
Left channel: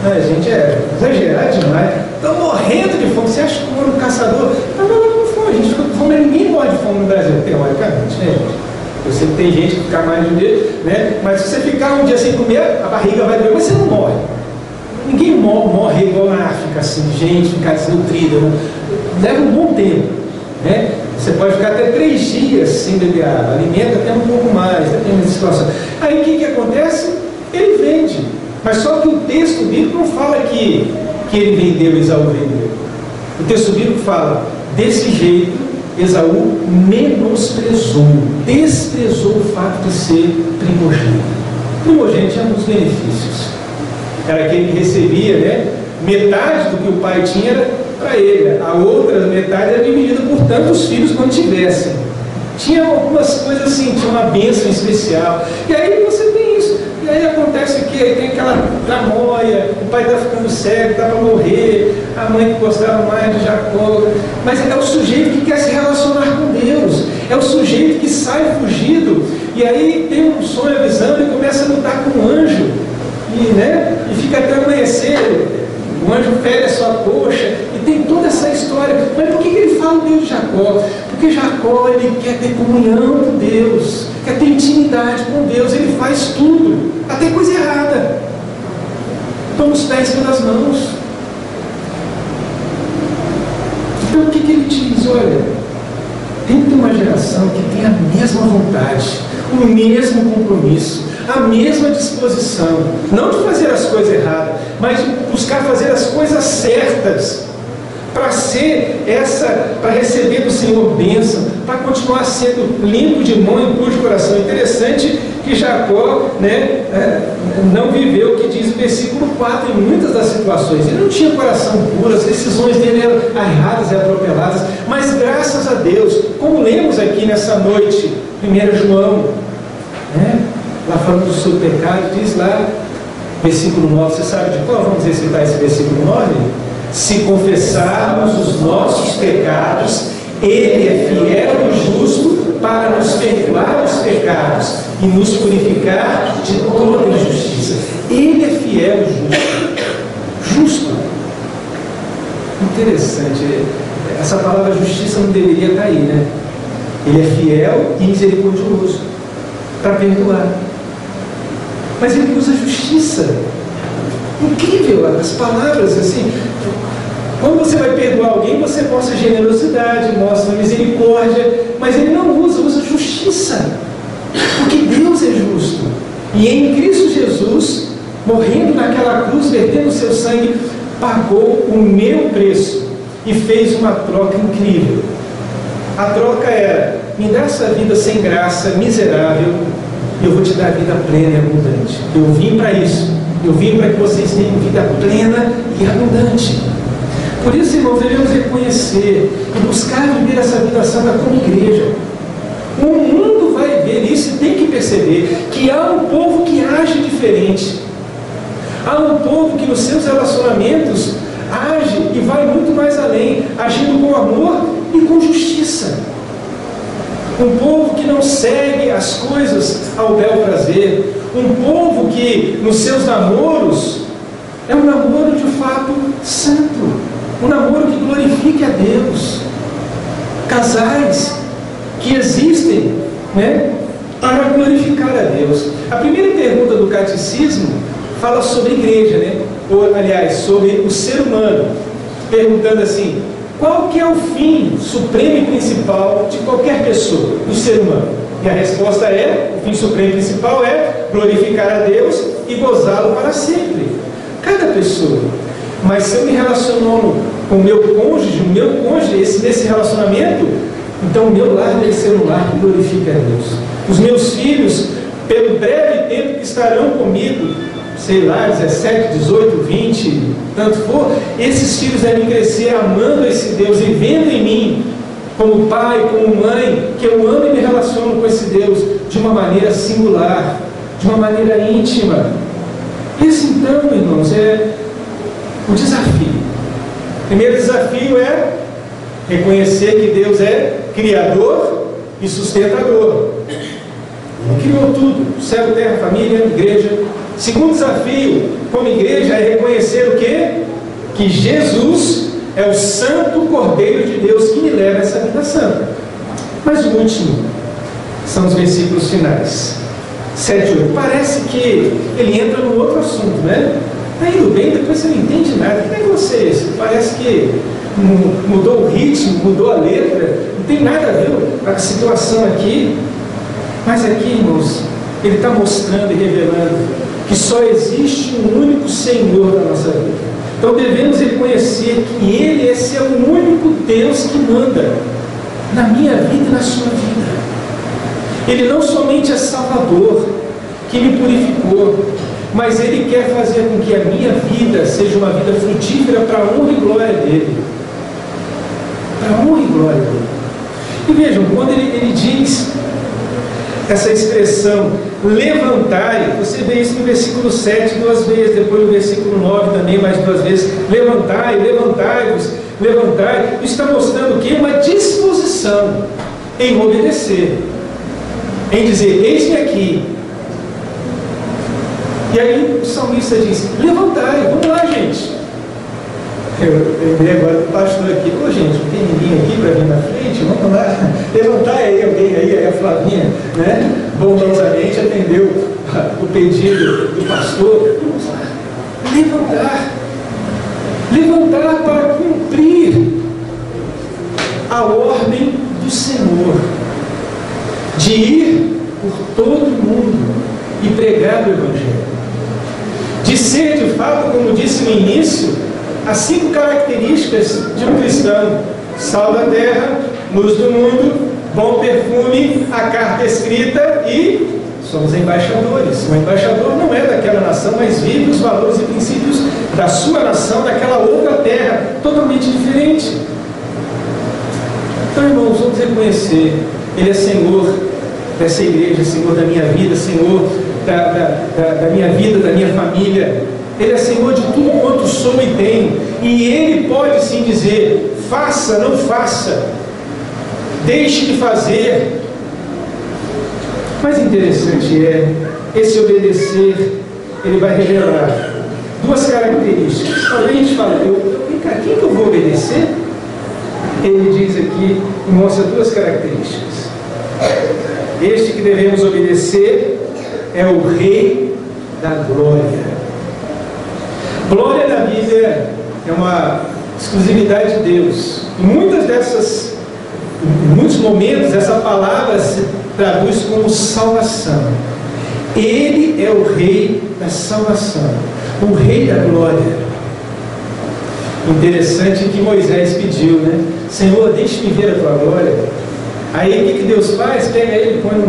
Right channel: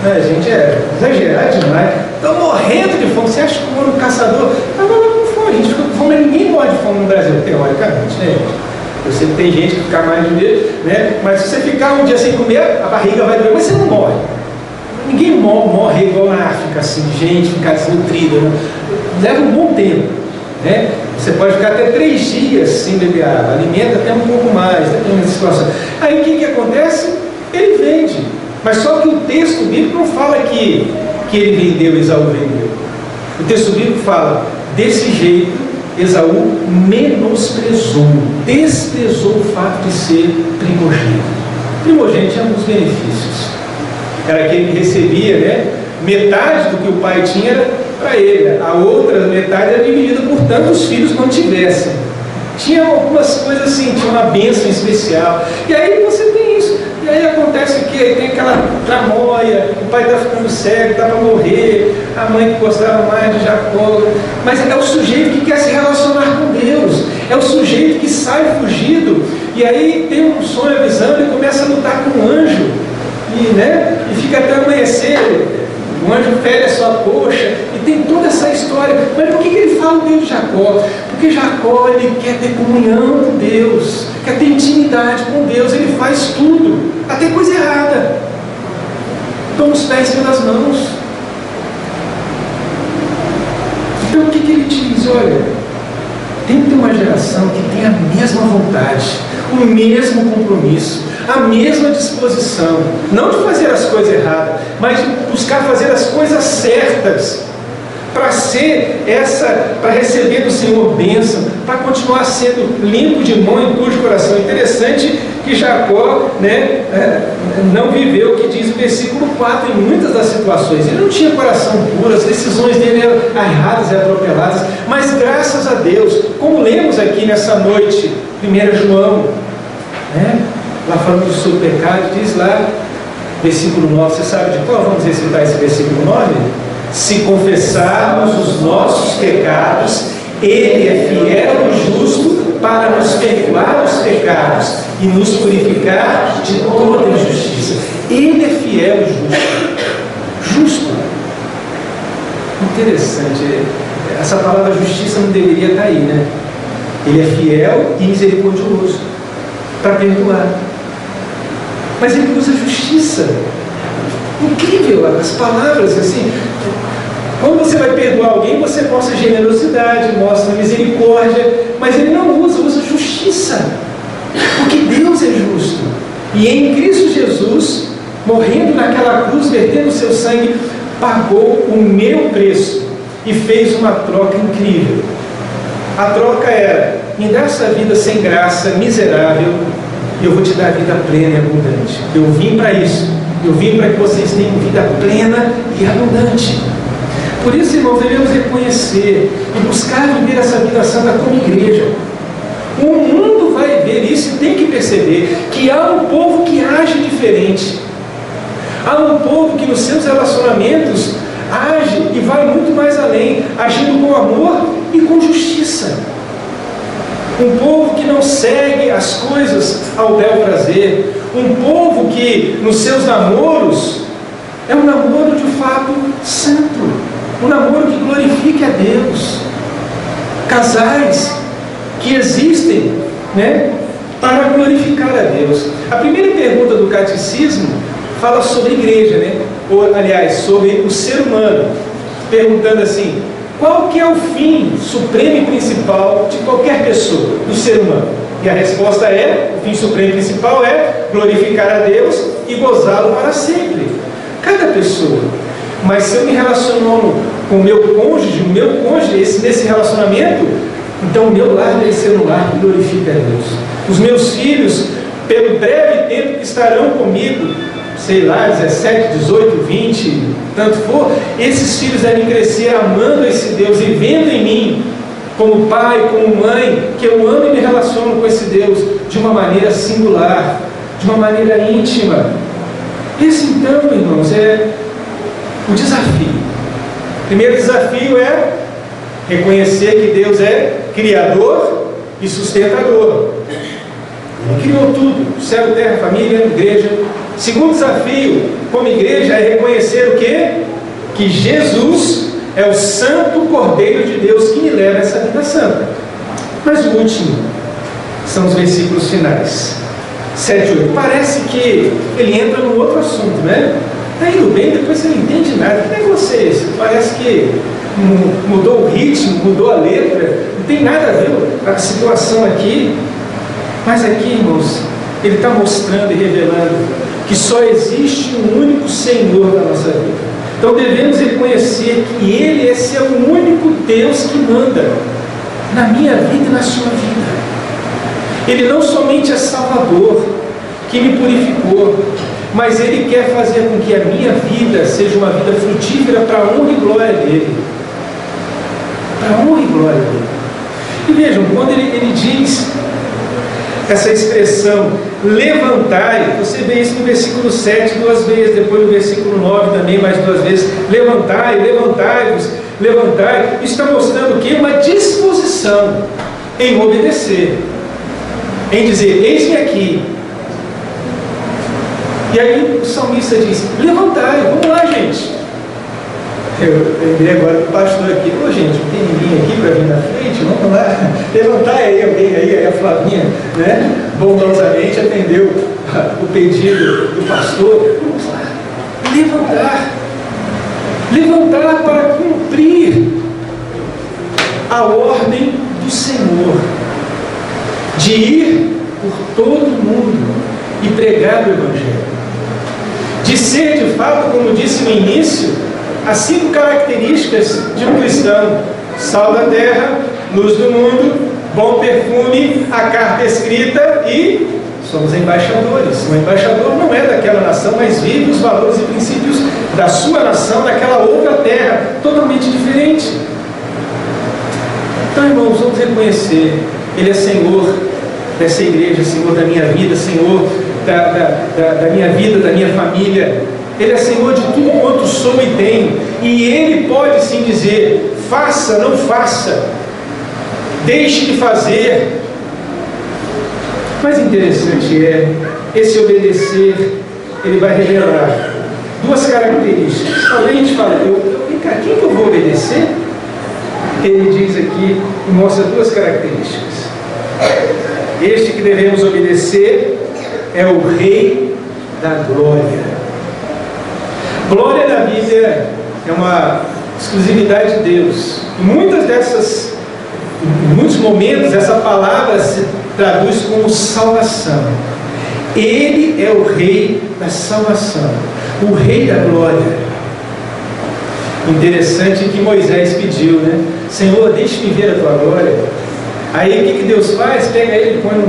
A gente é exagerado demais. Estou morrendo de fome. Você acha que um caçador está morrendo com fome? A gente fica com fome, ninguém morre de fome no Brasil, teoricamente, né, gente? Eu sei que tem gente que fica mais de um dia, né? Mas se você ficar um dia sem comer, a barriga vai doer, mas você não morre. Ninguém morre igual na África, assim, de gente ficar desnutrida, né? Leva um bom tempo, né? Você pode ficar até 3 dias sem beber água, alimenta até um pouco mais, dependendo da situação. Aí o que acontece? Ele vende. Mas só que o texto bíblico não fala que ele vendeu, Esaú vendeu. O texto bíblico fala, desse jeito, Esaú menosprezou, desprezou o fato de ser primogênito. Primogênito tinha alguns benefícios. Era aquele que recebia, né, metade do que o pai tinha era para ele, a outra metade era dividida por tantos filhos não tivessem. Tinha algumas coisas assim, tinha uma bênção especial. E aí você tem isso. E aí acontece o quê? Aí tem aquela tramóia, o pai está ficando cego, está para morrer, a mãe que gostava mais de Jacó. Mas é o sujeito que quer se relacionar com Deus, é o sujeito que sai fugido, e aí tem um sonho, a visão, e começa a lutar com um anjo, e fica até amanhecer, o anjo fere a sua coxa, e tem toda essa história. Mas por que ele fala o Deus de Jacó? Porque Jacó, ele quer ter comunhão com Deus, quer ter intimidade com Deus, ele faz tudo, até coisa errada, toma os pés pelas mãos. Então o que ele diz? Olha, tem que ter uma geração que tem a mesma vontade, o mesmo compromisso, a mesma disposição, não de fazer as coisas erradas, mas de buscar fazer as coisas certas, para receber do Senhor bênção, para continuar sendo limpo de mão e puro de coração. Interessante que Jacó, não viveu o que diz o versículo 4 em muitas das situações. Ele não tinha coração puro, as decisões dele eram erradas e atropeladas, mas graças a Deus, como lemos aqui nessa noite, 1 João, lá falando do seu pecado, diz lá, versículo 9, você sabe de qual? Vamos recitar esse versículo 9? Se confessarmos os nossos pecados, Ele é fiel e justo para nos perdoar os pecados e nos purificar de toda injustiça. Ele é fiel e justo. Justo. Interessante. Essa palavra justiça não deveria estar aí, né? Ele é fiel e misericordioso para perdoar. Mas ele usa justiça. Incrível as palavras assim. Quando você vai perdoar alguém, você mostra generosidade, mostra misericórdia, mas ele não usa justiça, porque Deus é justo. E em Cristo Jesus, morrendo naquela cruz, vertendo o seu sangue, pagou o meu preço e fez uma troca incrível. A troca era: me dá essa vida sem graça, miserável, e eu vou te dar vida plena e abundante. Eu vim para isso. Eu vim para que vocês tenham vida plena e abundante. Por isso, irmãos, devemos reconhecer e buscar viver essa vida santa como igreja. O mundo vai ver isso e tem que perceber que há um povo que age diferente. Há um povo que nos seus relacionamentos age e vai muito mais além, agindo com amor e com justiça. Um povo que não segue as coisas ao bel prazer. Um povo que nos seus namoros é um namoro de fato santo. Um namoro que glorifique a Deus. Casais que existem, para glorificar a Deus. A primeira pergunta do catecismo fala sobre igreja, ou aliás, sobre o ser humano, perguntando assim: qual que é o fim supremo e principal de qualquer pessoa, do ser humano? E a resposta é: o fim supremo e principal é glorificar a Deus e gozá-lo para sempre. Cada pessoa. Mas se eu me relaciono com o meu cônjuge, nesse relacionamento, então o meu lar deve ser um lar que glorifica a Deus. Os meus filhos, pelo breve tempo que estarão comigo, sei lá, 17, 18, 20, tanto for, esses filhos devem crescer amando esse Deus e vendo em mim, como pai, como mãe, que eu amo e me relaciono com esse Deus de uma maneira singular, de uma maneira íntima. Esse então, irmãos, é o desafio. O primeiro desafio é reconhecer que Deus é Criador e sustentador. Ele criou tudo: céu, terra, família, igreja. Segundo desafio, como igreja, é reconhecer o quê? Que Jesus é o Santo Cordeiro de Deus que me leva a essa vida santa. Mas o último são os versículos finais, 7 e 8. Parece que ele entra num outro assunto, Está indo bem, depois você não entende nada. Que negócio é esse? Parece que mudou o ritmo, mudou a letra, não tem nada a ver a situação aqui. Mas aqui, irmãos, ele está mostrando e revelando que só existe um único Senhor na nossa vida. Então devemos reconhecer que Ele, esse é o único Deus que manda na minha vida e na sua vida. Ele não somente é Salvador, que me purificou, mas Ele quer fazer com que a minha vida seja uma vida frutífera para a honra e glória dEle. Para a honra e glória dEle. E vejam, quando ele diz essa expressão, levantai, você vê isso no versículo 7 duas vezes, depois no versículo 9 também mais duas vezes, levantai, levantai-vos, levantai. Isso está mostrando o quê? Uma disposição em obedecer, em dizer, eis-me aqui. E aí o salmista diz, levantai, vamos lá, gente. Eu lembrei agora do pastor aqui, ô gente, não tem ninguém aqui para vir na frente, vamos lá, levantar aí alguém aí a Flavinha, né, bondosamente atendeu o pedido do pastor, vamos lá, levantar para cumprir a ordem do Senhor, de ir por todo o mundo e pregar o Evangelho, de ser de fato, como disse no início, as 5 características de um cristão: sal da terra, luz do mundo, bom perfume, a carta escrita e somos embaixadores. O embaixador não é daquela nação, mas vive os valores e princípios da sua nação, daquela outra terra, totalmente diferente. Então, irmãos, vamos reconhecer, Ele é Senhor dessa igreja, Senhor da minha vida, Senhor da minha vida, da minha família. Ele é Senhor de tudo quanto sou e tenho, e Ele pode sim dizer, faça, não faça, deixe de fazer. Mas interessante é, esse obedecer, ele vai revelar 2 características. Talvez a gente fale, vem cá, quem que eu vou obedecer? Ele diz aqui, e mostra 2 características. Este que devemos obedecer é o Rei da Glória. Glória na Bíblia é uma exclusividade de Deus. Em muitos momentos essa palavra se traduz como salvação. Ele é o Rei da salvação, o Rei da Glória. Interessante que Moisés pediu, né? Senhor, deixe-me ver a tua glória. Aí o que Deus faz? Pega ele, põe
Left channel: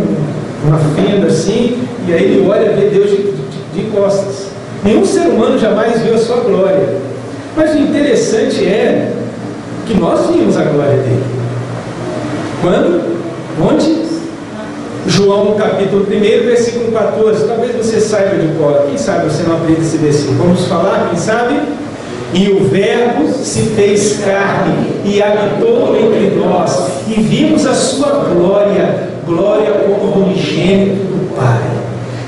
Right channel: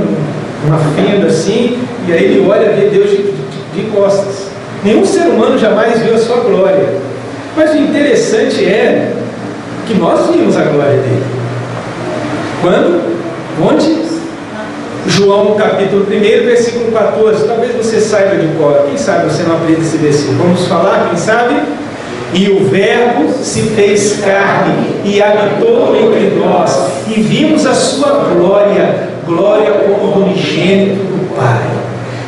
uma fenda assim, e aí ele olha, vê Deus de costas. Nenhum ser humano jamais viu a sua glória. Mas o interessante é que nós vimos a glória dele. Quando? Onde? João capítulo 1, versículo 14. Talvez você saiba de cor. Quem sabe você não aprende esse versículo? Vamos falar, quem sabe? E o Verbo se fez carne e habitou entre nós, e vimos a sua glória, glória como do unigênito do Pai.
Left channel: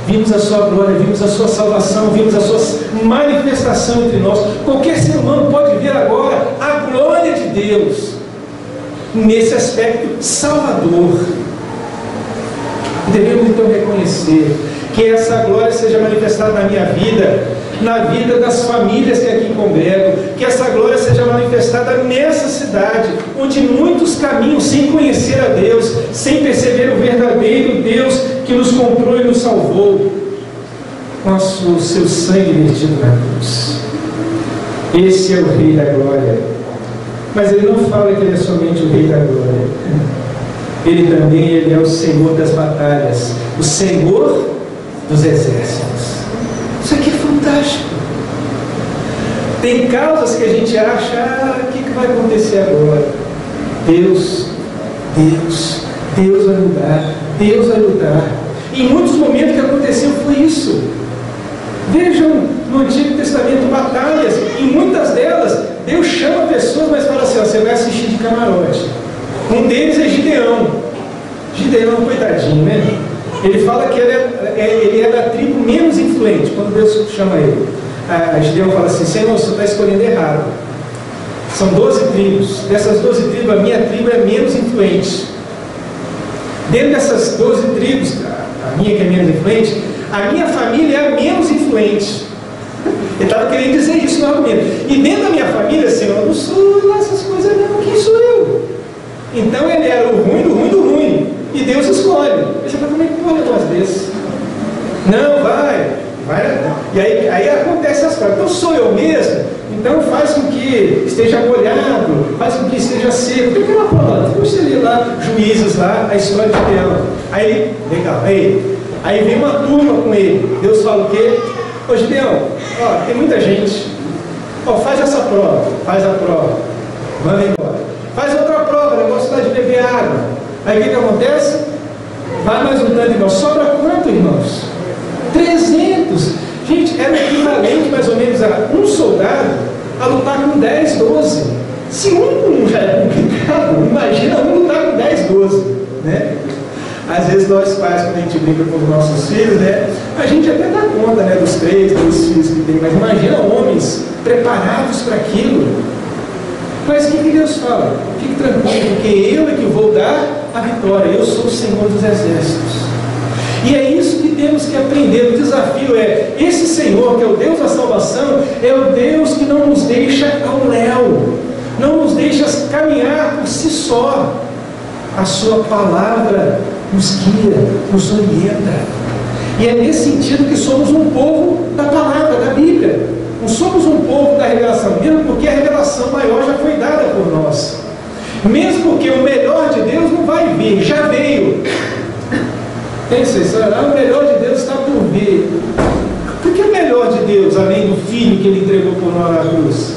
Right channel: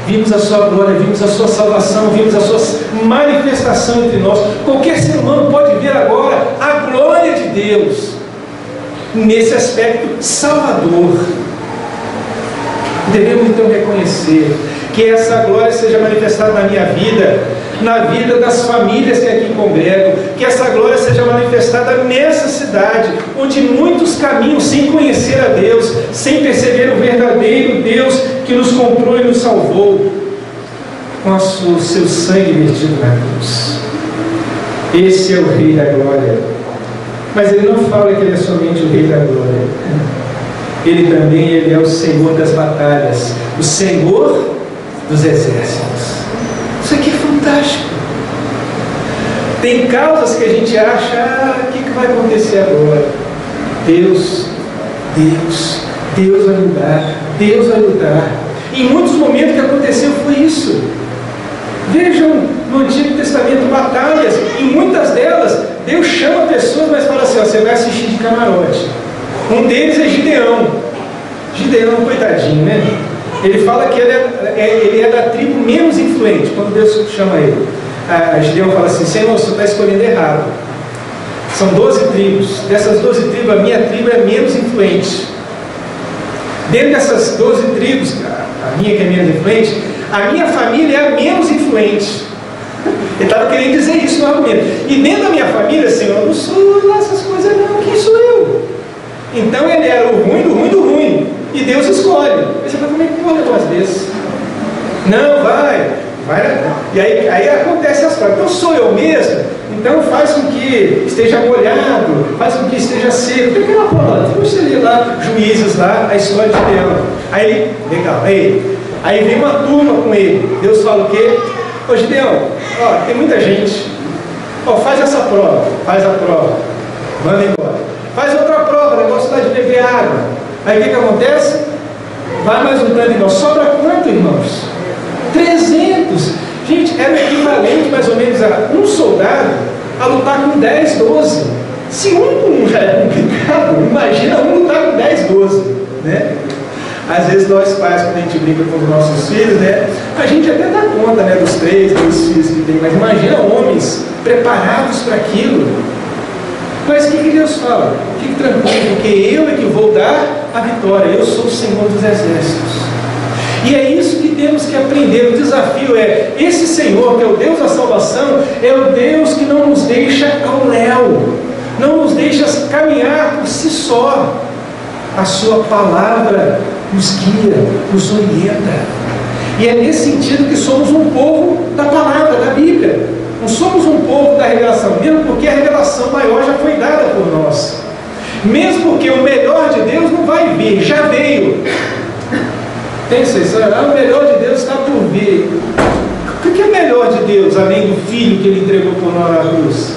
Vimos a sua glória, vimos a sua salvação, vimos a sua manifestação entre nós. Qualquer ser humano pode ver agora a glória de Deus nesse aspecto salvador. Devemos então reconhecer que essa glória seja manifestada na minha vida, na vida das famílias que aqui congregam, que essa glória seja manifestada nessa cidade, onde muitos caminham sem conhecer a Deus, sem perceber o verdadeiro Deus que nos comprou e nos salvou com o seu sangue vertido na cruz. Esse é o Rei da Glória. Mas ele não fala que ele é somente o Rei da Glória. Ele é o Senhor das batalhas, o Senhor dos exércitos. Isso aqui é fantástico. Tem causas que a gente acha, o que vai acontecer agora? Deus vai mudar, Deus vai lutar. E em muitos momentos que aconteceu foi isso. Vejam no Antigo Testamento batalhas, em muitas delas Deus chama pessoas, mas fala assim, ó, você vai assistir de camarote. Um deles é Gideão, coitadinho, né? Ele fala que ele é da tribo menos influente, quando Deus chama ele. Gideão fala assim, Senhor, você está escolhendo errado. São 12 tribos, dessas 12 tribos, a minha tribo é menos influente. Dentro dessas 12 tribos, a minha que é menos influente, a minha família é a menos influente. Ele estava querendo dizer isso no argumento. E dentro da minha família, Senhor, eu não sou lá essas coisas dizer, não, quem sou eu? Então ele era o ruim do ruim do ruim, e Deus escolhe. Aí você fala, como é que pode um negócio desse? Não, vai. E aí acontece as coisas. Então sou eu mesmo? Então faz com que esteja molhado, faz com que esteja seco. Tem aquela prova, depois você lê lá, Juízes lá, a história de Gideão. Aí ele, legal, aí vem uma turma com ele. Deus fala o quê? Ô Gideão, ó, tem muita gente. Ó, faz essa prova, faz a prova, manda embora. Faz outra prova, negócio lá de beber água. Aí o que acontece? Vai mais um tanto, irmão. Sobra quanto, irmãos? 300. Gente, era equivalente mais ou menos a um soldado a lutar com 10, 12. Se um já é complicado, imagina um lutar com 10, 12, né? Às vezes nós pais, quando a gente brinca com os nossos filhos, né, a gente até dá conta, né, dos 3, 2 filhos que tem, mas imagina homens preparados para aquilo. Mas o que Deus fala? Fique tranquilo, porque eu é que vou dar a vitória, eu sou o Senhor dos exércitos. E é isso que temos que aprender. O desafio é, esse Senhor, que é o Deus da salvação, é o Deus que não nos deixa ao léu, não nos deixa caminhar por si só. A sua palavra nos guia, nos orienta. E é nesse sentido que somos um povo da palavra, da Bíblia. Não somos um povo da revelação, mesmo porque a revelação maior já foi dada por nós. Mesmo porque o melhor de Deus não vai vir, já veio. Tem essa história? O melhor de Deus está por vir. O que é melhor de Deus, além do Filho que Ele entregou por nós na cruz?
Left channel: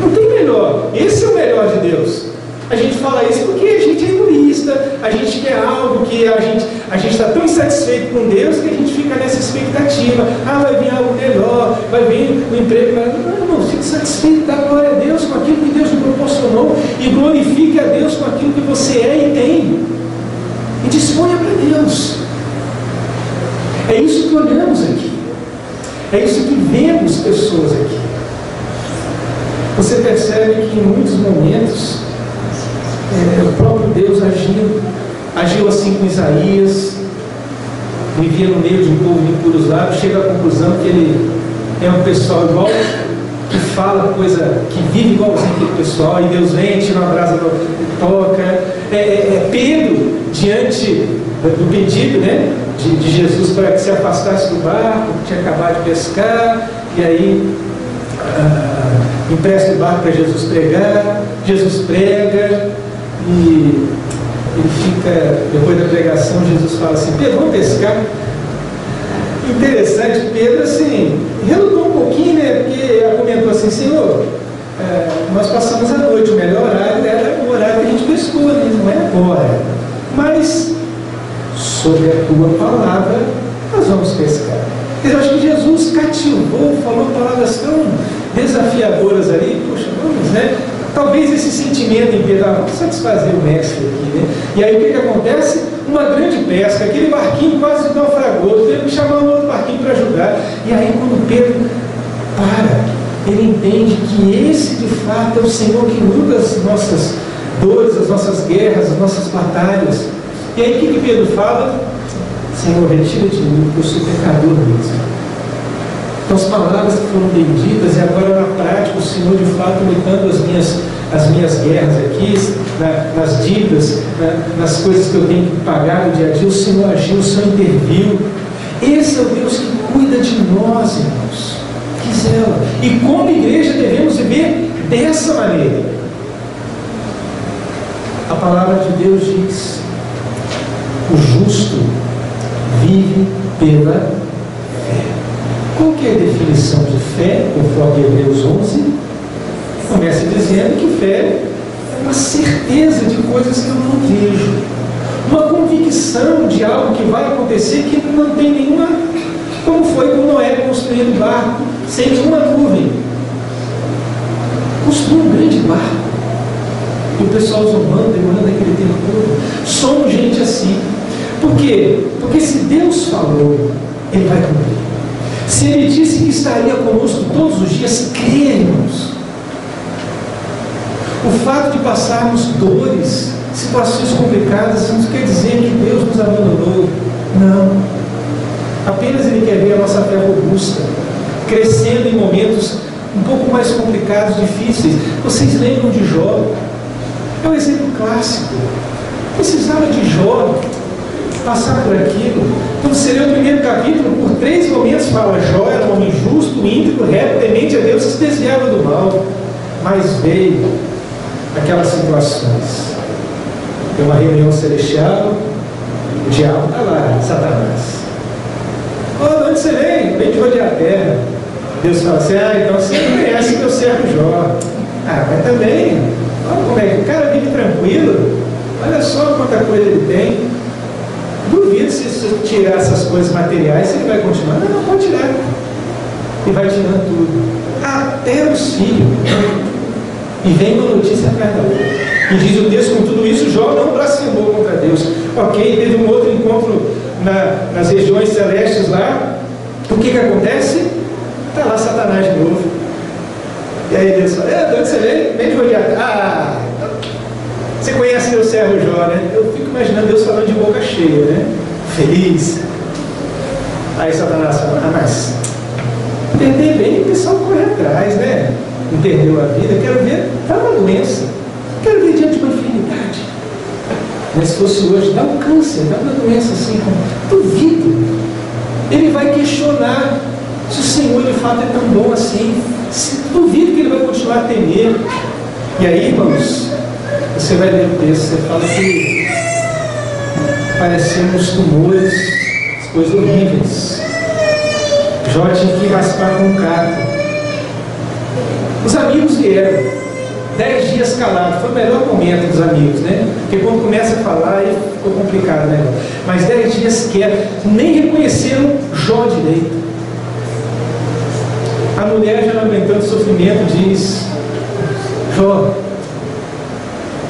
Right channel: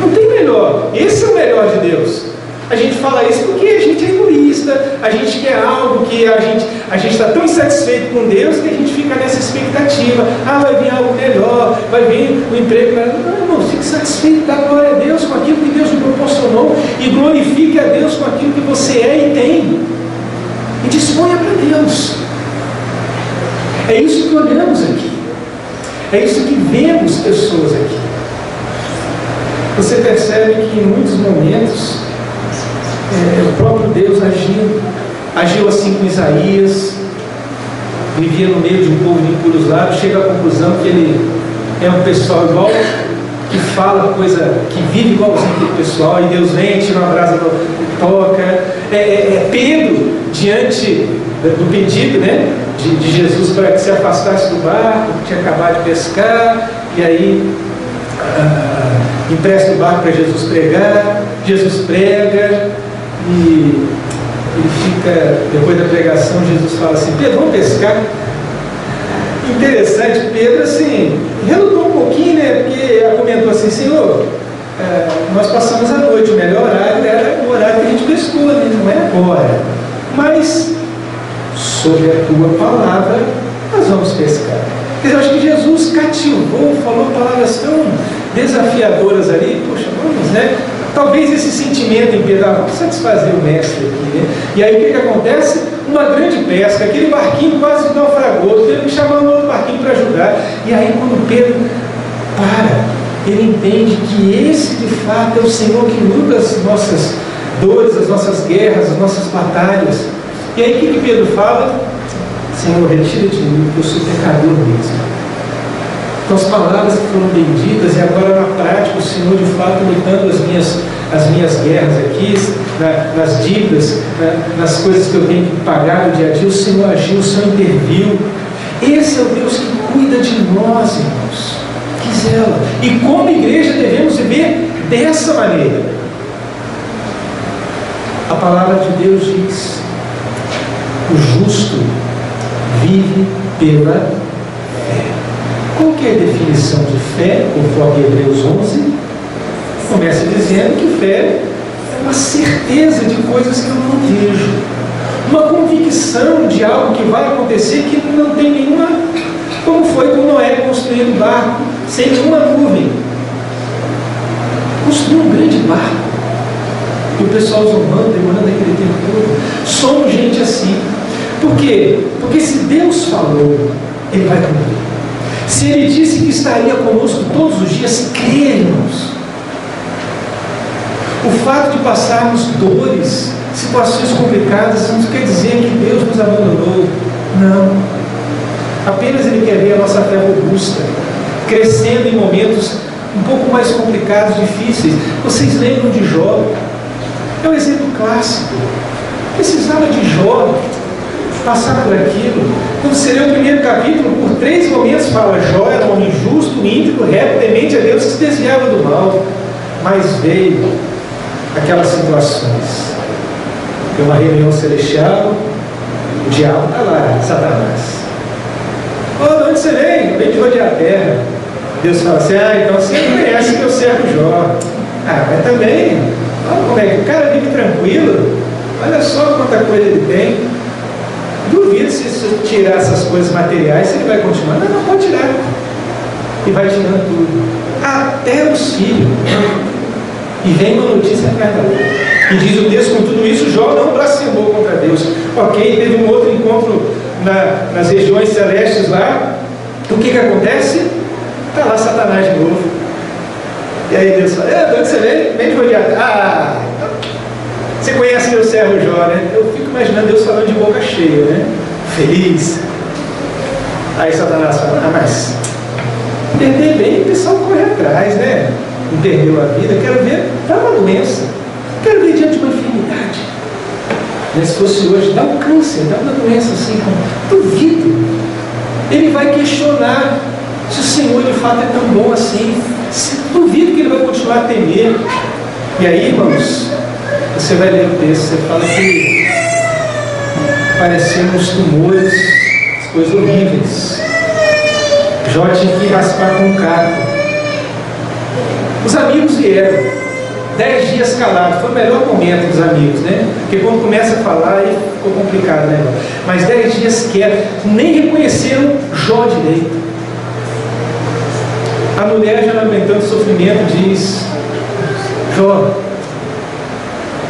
Não tem melhor. Esse é o melhor de Deus. A gente fala isso porque a gente é egoísta, a gente quer algo que a gente está tão insatisfeito com Deus que a gente fica nessa expectativa. Ah, vai vir algo melhor, vai vir o emprego melhor. Não, irmão, fique satisfeito, dá glória a Deus com aquilo que Deus te proporcionou e glorifique a Deus com aquilo que você é e tem. E disponha para Deus. É isso que olhamos aqui. É isso que vemos pessoas aqui. Você percebe que em muitos momentos o próprio Deus agiu assim com Isaías, vivia no meio de um povo de impuros lábios, chega à conclusão que ele é um pessoal igual, que fala coisa, que vive igualzinho aquele pessoal, e Deus vem, tira uma brasa, toca. Pedro, diante do pedido, né, de Jesus para que se afastasse do barco, que tinha acabado de pescar, e aí empresta o barco para Jesus pregar, Jesus prega, e ele fica, depois da pregação, Jesus fala assim, Pedro, vamos pescar? Interessante, Pedro assim, relutou um pouquinho, né, porque argumentou assim, Senhor, nós passamos a noite, o melhor horário era o horário que a gente pescou, né? Não é agora, mas sobre a tua palavra nós vamos pescar. Quer dizer, eu acho que Jesus cativou, falou palavras tão desafiadoras ali, poxa, vamos, né? Talvez esse sentimento em Pedro, vamos satisfazer o mestre aqui, né? E aí o que acontece? Uma grande pesca, aquele barquinho quase naufragou, teve que chamar um outro barquinho para ajudar. E aí quando Pedro ele entende que esse de fato é o Senhor que luta as nossas dores, as nossas guerras, as nossas batalhas. E aí o que Pedro fala? Senhor, retira de mim, porque eu sou pecador mesmo. Então as palavras que foram benditas, e agora na prática o Senhor de fato lutando as minhas guerras aqui, nas dívidas, nas coisas que eu tenho que pagar no dia a dia, o Senhor agiu, o Senhor interviu. Esse é o Deus que cuida de nós, irmãos, que zela. E como igreja devemos viver dessa maneira. A palavra de Deus diz, o justo vive pela fé. Qual que é a definição de fé, conforme Hebreus 11? Começa dizendo que fé é uma certeza de coisas que eu não vejo, uma convicção de algo que vai acontecer que não tem nenhuma, como foi com Noé construindo um barco sem nenhuma nuvem. Construiu um grande barco e o pessoal zombando, demorando aquele tempo todo. Somos gente assim. Por quê? Porque se Deus falou, Ele vai cumprir. Se Ele disse que estaria conosco todos os dias, cremos. O fato de passarmos dores, situações complicadas, não quer dizer que Deus nos abandonou. Não. Apenas Ele quer ver a nossa fé robusta, crescendo em momentos um pouco mais complicados, difíceis. Vocês lembram de Jó? É um exemplo clássico. Precisava de Jó passar por aquilo. Quando você lê o primeiro capítulo, por 3 momentos fala: Jó era um homem justo, íntegro, reto, temente a Deus, que se desviava do mal. Mas veio aquelas situações. Tem uma reunião celestial, o diabo está lá, Satanás. Oh, de onde você veio? Vem de rodear a terra. Deus fala assim: então você conhece meu servo Jó. Mas também, olha como é que o cara vive tranquilo. Olha só quanta coisa ele tem. Duvido se tirar essas coisas materiais, se ele vai continuar. Não, pode tirar. E vai tirando tudo. Até os filhos. E vem uma notícia atrás da outra. E diz o texto: com tudo isso, Jó não blasfemou contra Deus. Ok, teve um outro encontro nas regiões celestes lá. O que acontece? Está lá Satanás de novo. E aí Deus fala: de onde você veio? Vem de rodear. Você conhece meu servo Jó, né? Eu fico imaginando Deus falando de boca cheia, né? Feliz. Aí Satanás fala: mas entender bem, o pessoal corre atrás, né? Não perdeu a vida, quero ver, dá uma doença, quero ver diante de uma enfermidade. Se fosse hoje, dá um câncer, dá uma doença assim, duvido. Ele vai questionar se o Senhor de fato é tão bom assim. Duvido que ele vai continuar a temer. E aí, irmãos, você vai ler o texto, você fala que pareciam uns tumores, as coisas horríveis. Jó tinha que raspar com um caco. Os amigos vieram, 10 dias calados, foi o melhor momento dos amigos, né? Porque quando começa a falar, aí ficou complicado, né? Mas 10 dias quietos, nem reconheceram Jó direito. A mulher, já não aguentando o sofrimento, diz: Jó,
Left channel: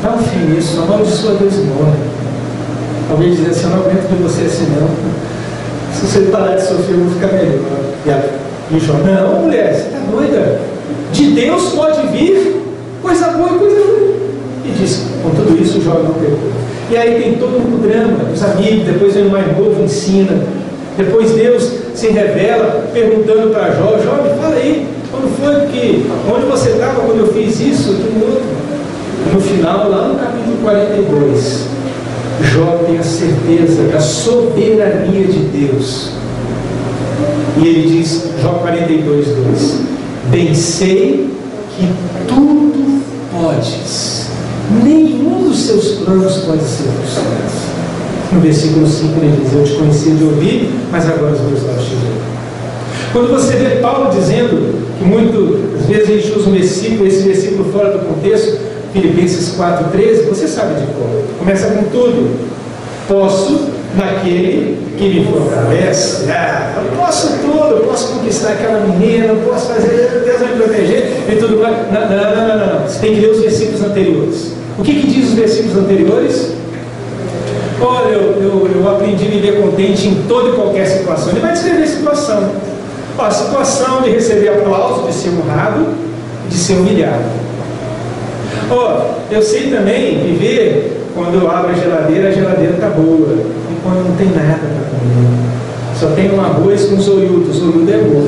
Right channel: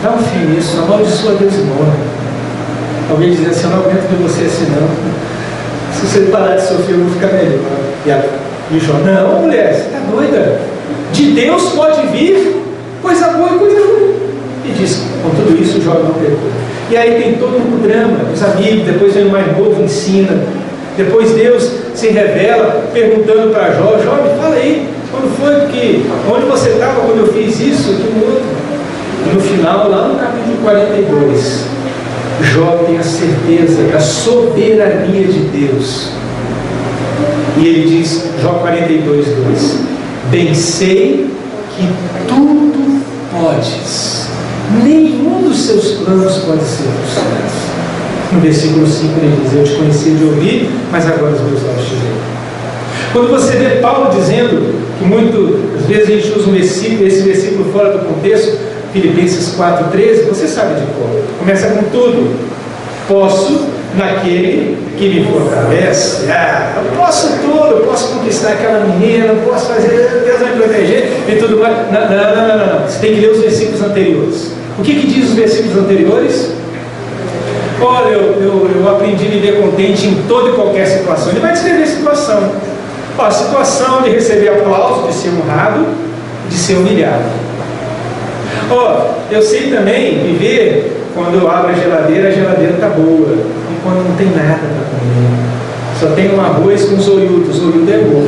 dá um fim nisso, amaldiçoa Deus e morre. Alguém dizendo assim: eu não aguento ver você assim não. Se você parar de sofrer, eu vou ficar melhor. E Jó: não, mulher, você está doida? De Deus pode vir coisa boa e coisa ruim. E diz: com tudo isso, Jó não pecou. E aí tem todo um drama, os amigos, depois vem o mais novo, ensina. Depois Deus se revela, perguntando para Jó: Jó, me fala aí, quando foi que, onde você estava quando eu fiz isso, aquilo outro? E no final, lá no capítulo 42, Jó tem a certeza da soberania de Deus. E ele diz, Jó 42, 2: bem sei que tudo podes, nenhum dos seus planos pode ser frustrado. No versículo 5 ele diz: eu te conhecia de ouvir, mas agora os meus olhos te veem. Quando você vê Paulo dizendo, que muitas vezes a gente usa esse versículo fora do contexto, Filipenses 4,13, você sabe de qual? Começa com tudo: posso naquele que me fortalece. Eu posso tudo, eu posso conquistar aquela menina, eu posso fazer, Deus vai me proteger e tudo mais. Não. Você tem que ler os versículos anteriores. O que diz os versículos anteriores? Olha, eu aprendi a viver contente em toda e qualquer situação. Ele vai descrever a situação. A situação de receber aplauso, de ser honrado, de ser humilhado. Eu sei também viver quando eu abro a geladeira está boa, e quando não tem nada para comer. Só tem um arroz com zoiudo. Zoiudo é bom,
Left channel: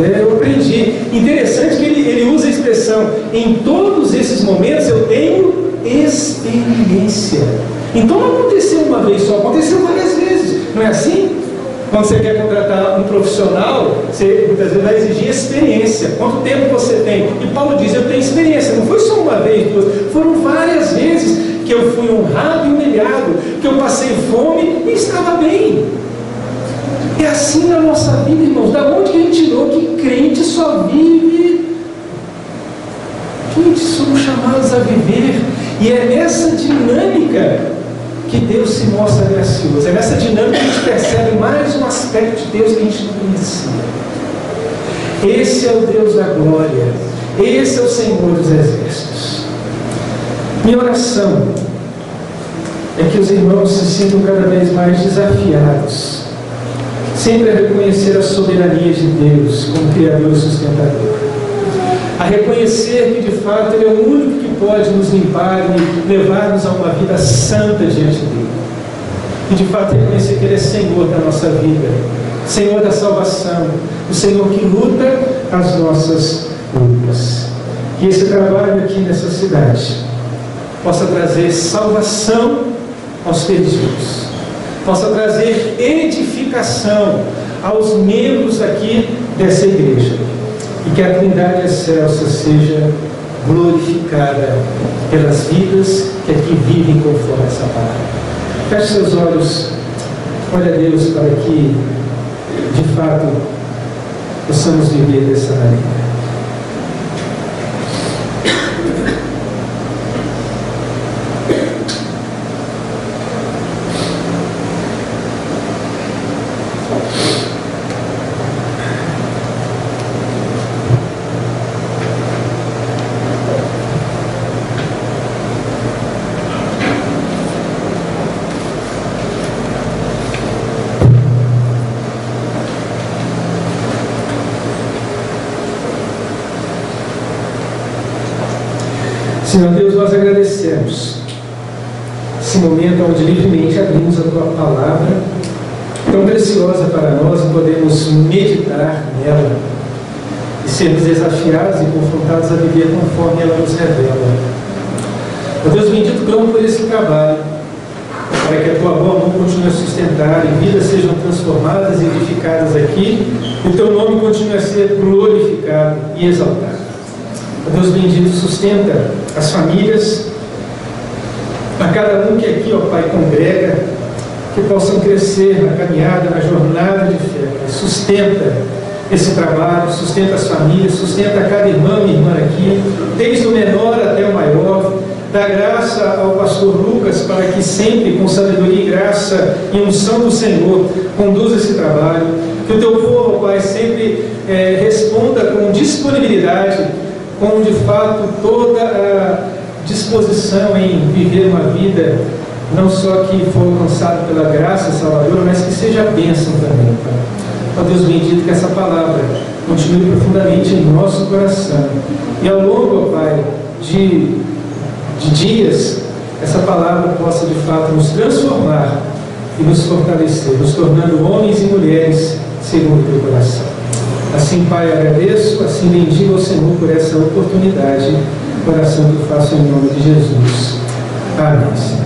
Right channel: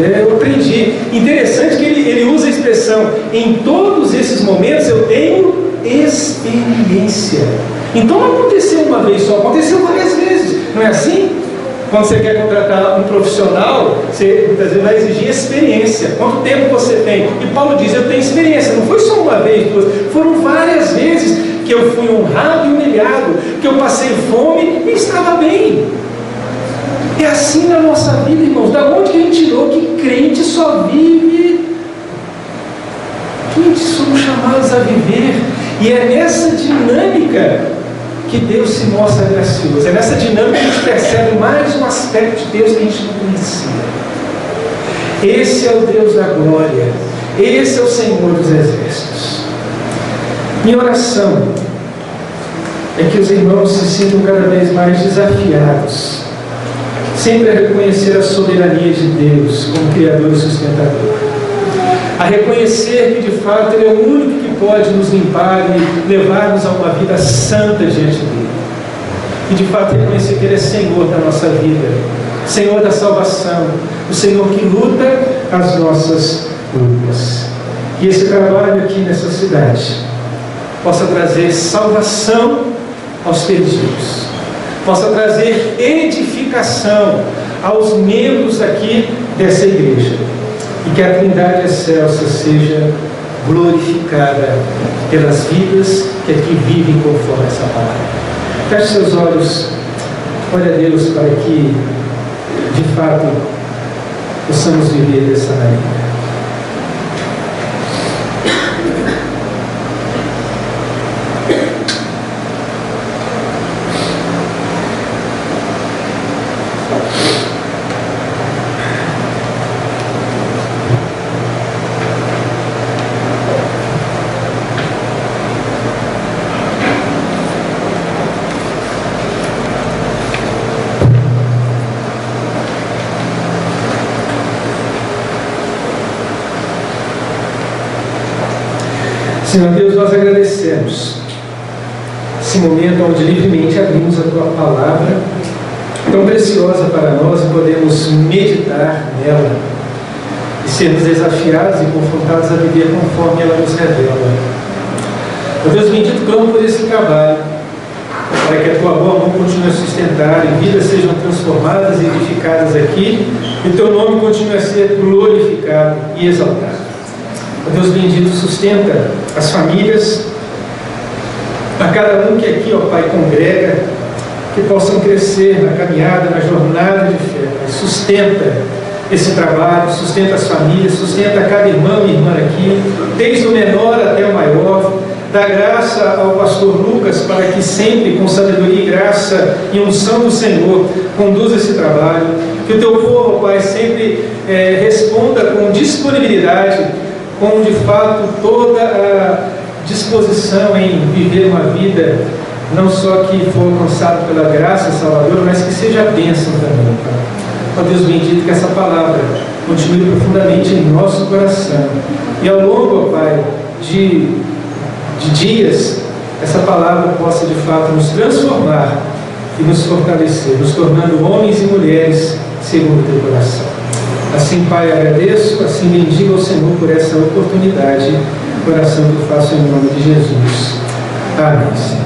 né? Eu aprendi. Interessante que ele usa a expressão: em todos esses momentos eu tenho experiência. Então não aconteceu uma vez só, aconteceu várias vezes. Não é assim? Quando você quer contratar um profissional, você muitas vezes vai exigir experiência. Quanto tempo você tem? E Paulo diz: eu tenho experiência. Não foi só uma vez, duas, foram várias vezes que eu fui honrado e humilhado, que eu passei fome e estava bem. É assim na nossa vida, irmãos. Da onde que a gente tirou que crente só vive? Crente somos chamados a viver. E é nessa dinâmica que Deus se mostra gracioso. É nessa dinâmica que a gente percebe mais um aspecto de Deus que a gente não conhecia. Esse é o Deus da glória. Esse é o Senhor dos exércitos. Minha oração é que os irmãos se sintam cada vez mais desafiados, sempre a reconhecer a soberania de Deus como Criador e sustentador, a reconhecer que de fato Ele é o único que pode nos limpar e levar-nos a uma vida santa diante dEle, e de fato reconhecer que Ele é Senhor da nossa vida, Senhor da salvação, o Senhor que luta as nossas lutas. que esse trabalho aqui nessa cidade possa trazer salvação aos perdidos, possa trazer edificação aos membros aqui dessa igreja, e que a Trindade excelsa seja glorificada pelas vidas que aqui vivem conforme essa palavra. Feche seus olhos, olhe a Deus para que, de fato, possamos viver dessa maneira. Senhor Deus, nós agradecemos esse momento onde livremente abrimos a Tua palavra, tão preciosa para nós, e podemos meditar nela e sermos desafiados e confrontados a viver conforme ela nos revela. Ó Deus bendito, clamo por esse trabalho, para que a Tua boa mão continue a sustentar e vidas sejam transformadas e edificadas aqui, e o Teu nome continue a ser glorificado e exaltado. Ó Deus bendito, sustenta as famílias, a cada um que aqui, ó Pai, congrega, que possam crescer na caminhada, na jornada de fé. Sustenta esse trabalho, sustenta as famílias, sustenta cada irmão e irmã aqui, desde o menor até o maior. Dá graça ao pastor Lucas para que sempre, com sabedoria e graça e unção do Senhor, conduza esse trabalho. Que o Teu povo, Pai, sempre responda com disponibilidade, com de fato toda a disposição em viver uma vida não só que for alcançado pela graça salvadora, mas que seja bênção também, Pai. Ó Deus bendito, que essa palavra continue profundamente em nosso coração, e ao longo, ó Pai, de dias, essa palavra possa de fato nos transformar e nos fortalecer, nos tornando homens e mulheres segundo o Teu coração. Assim, Pai, agradeço, assim bendigo ao Senhor por essa oportunidade, oração que eu faço em nome de Jesus. Amém.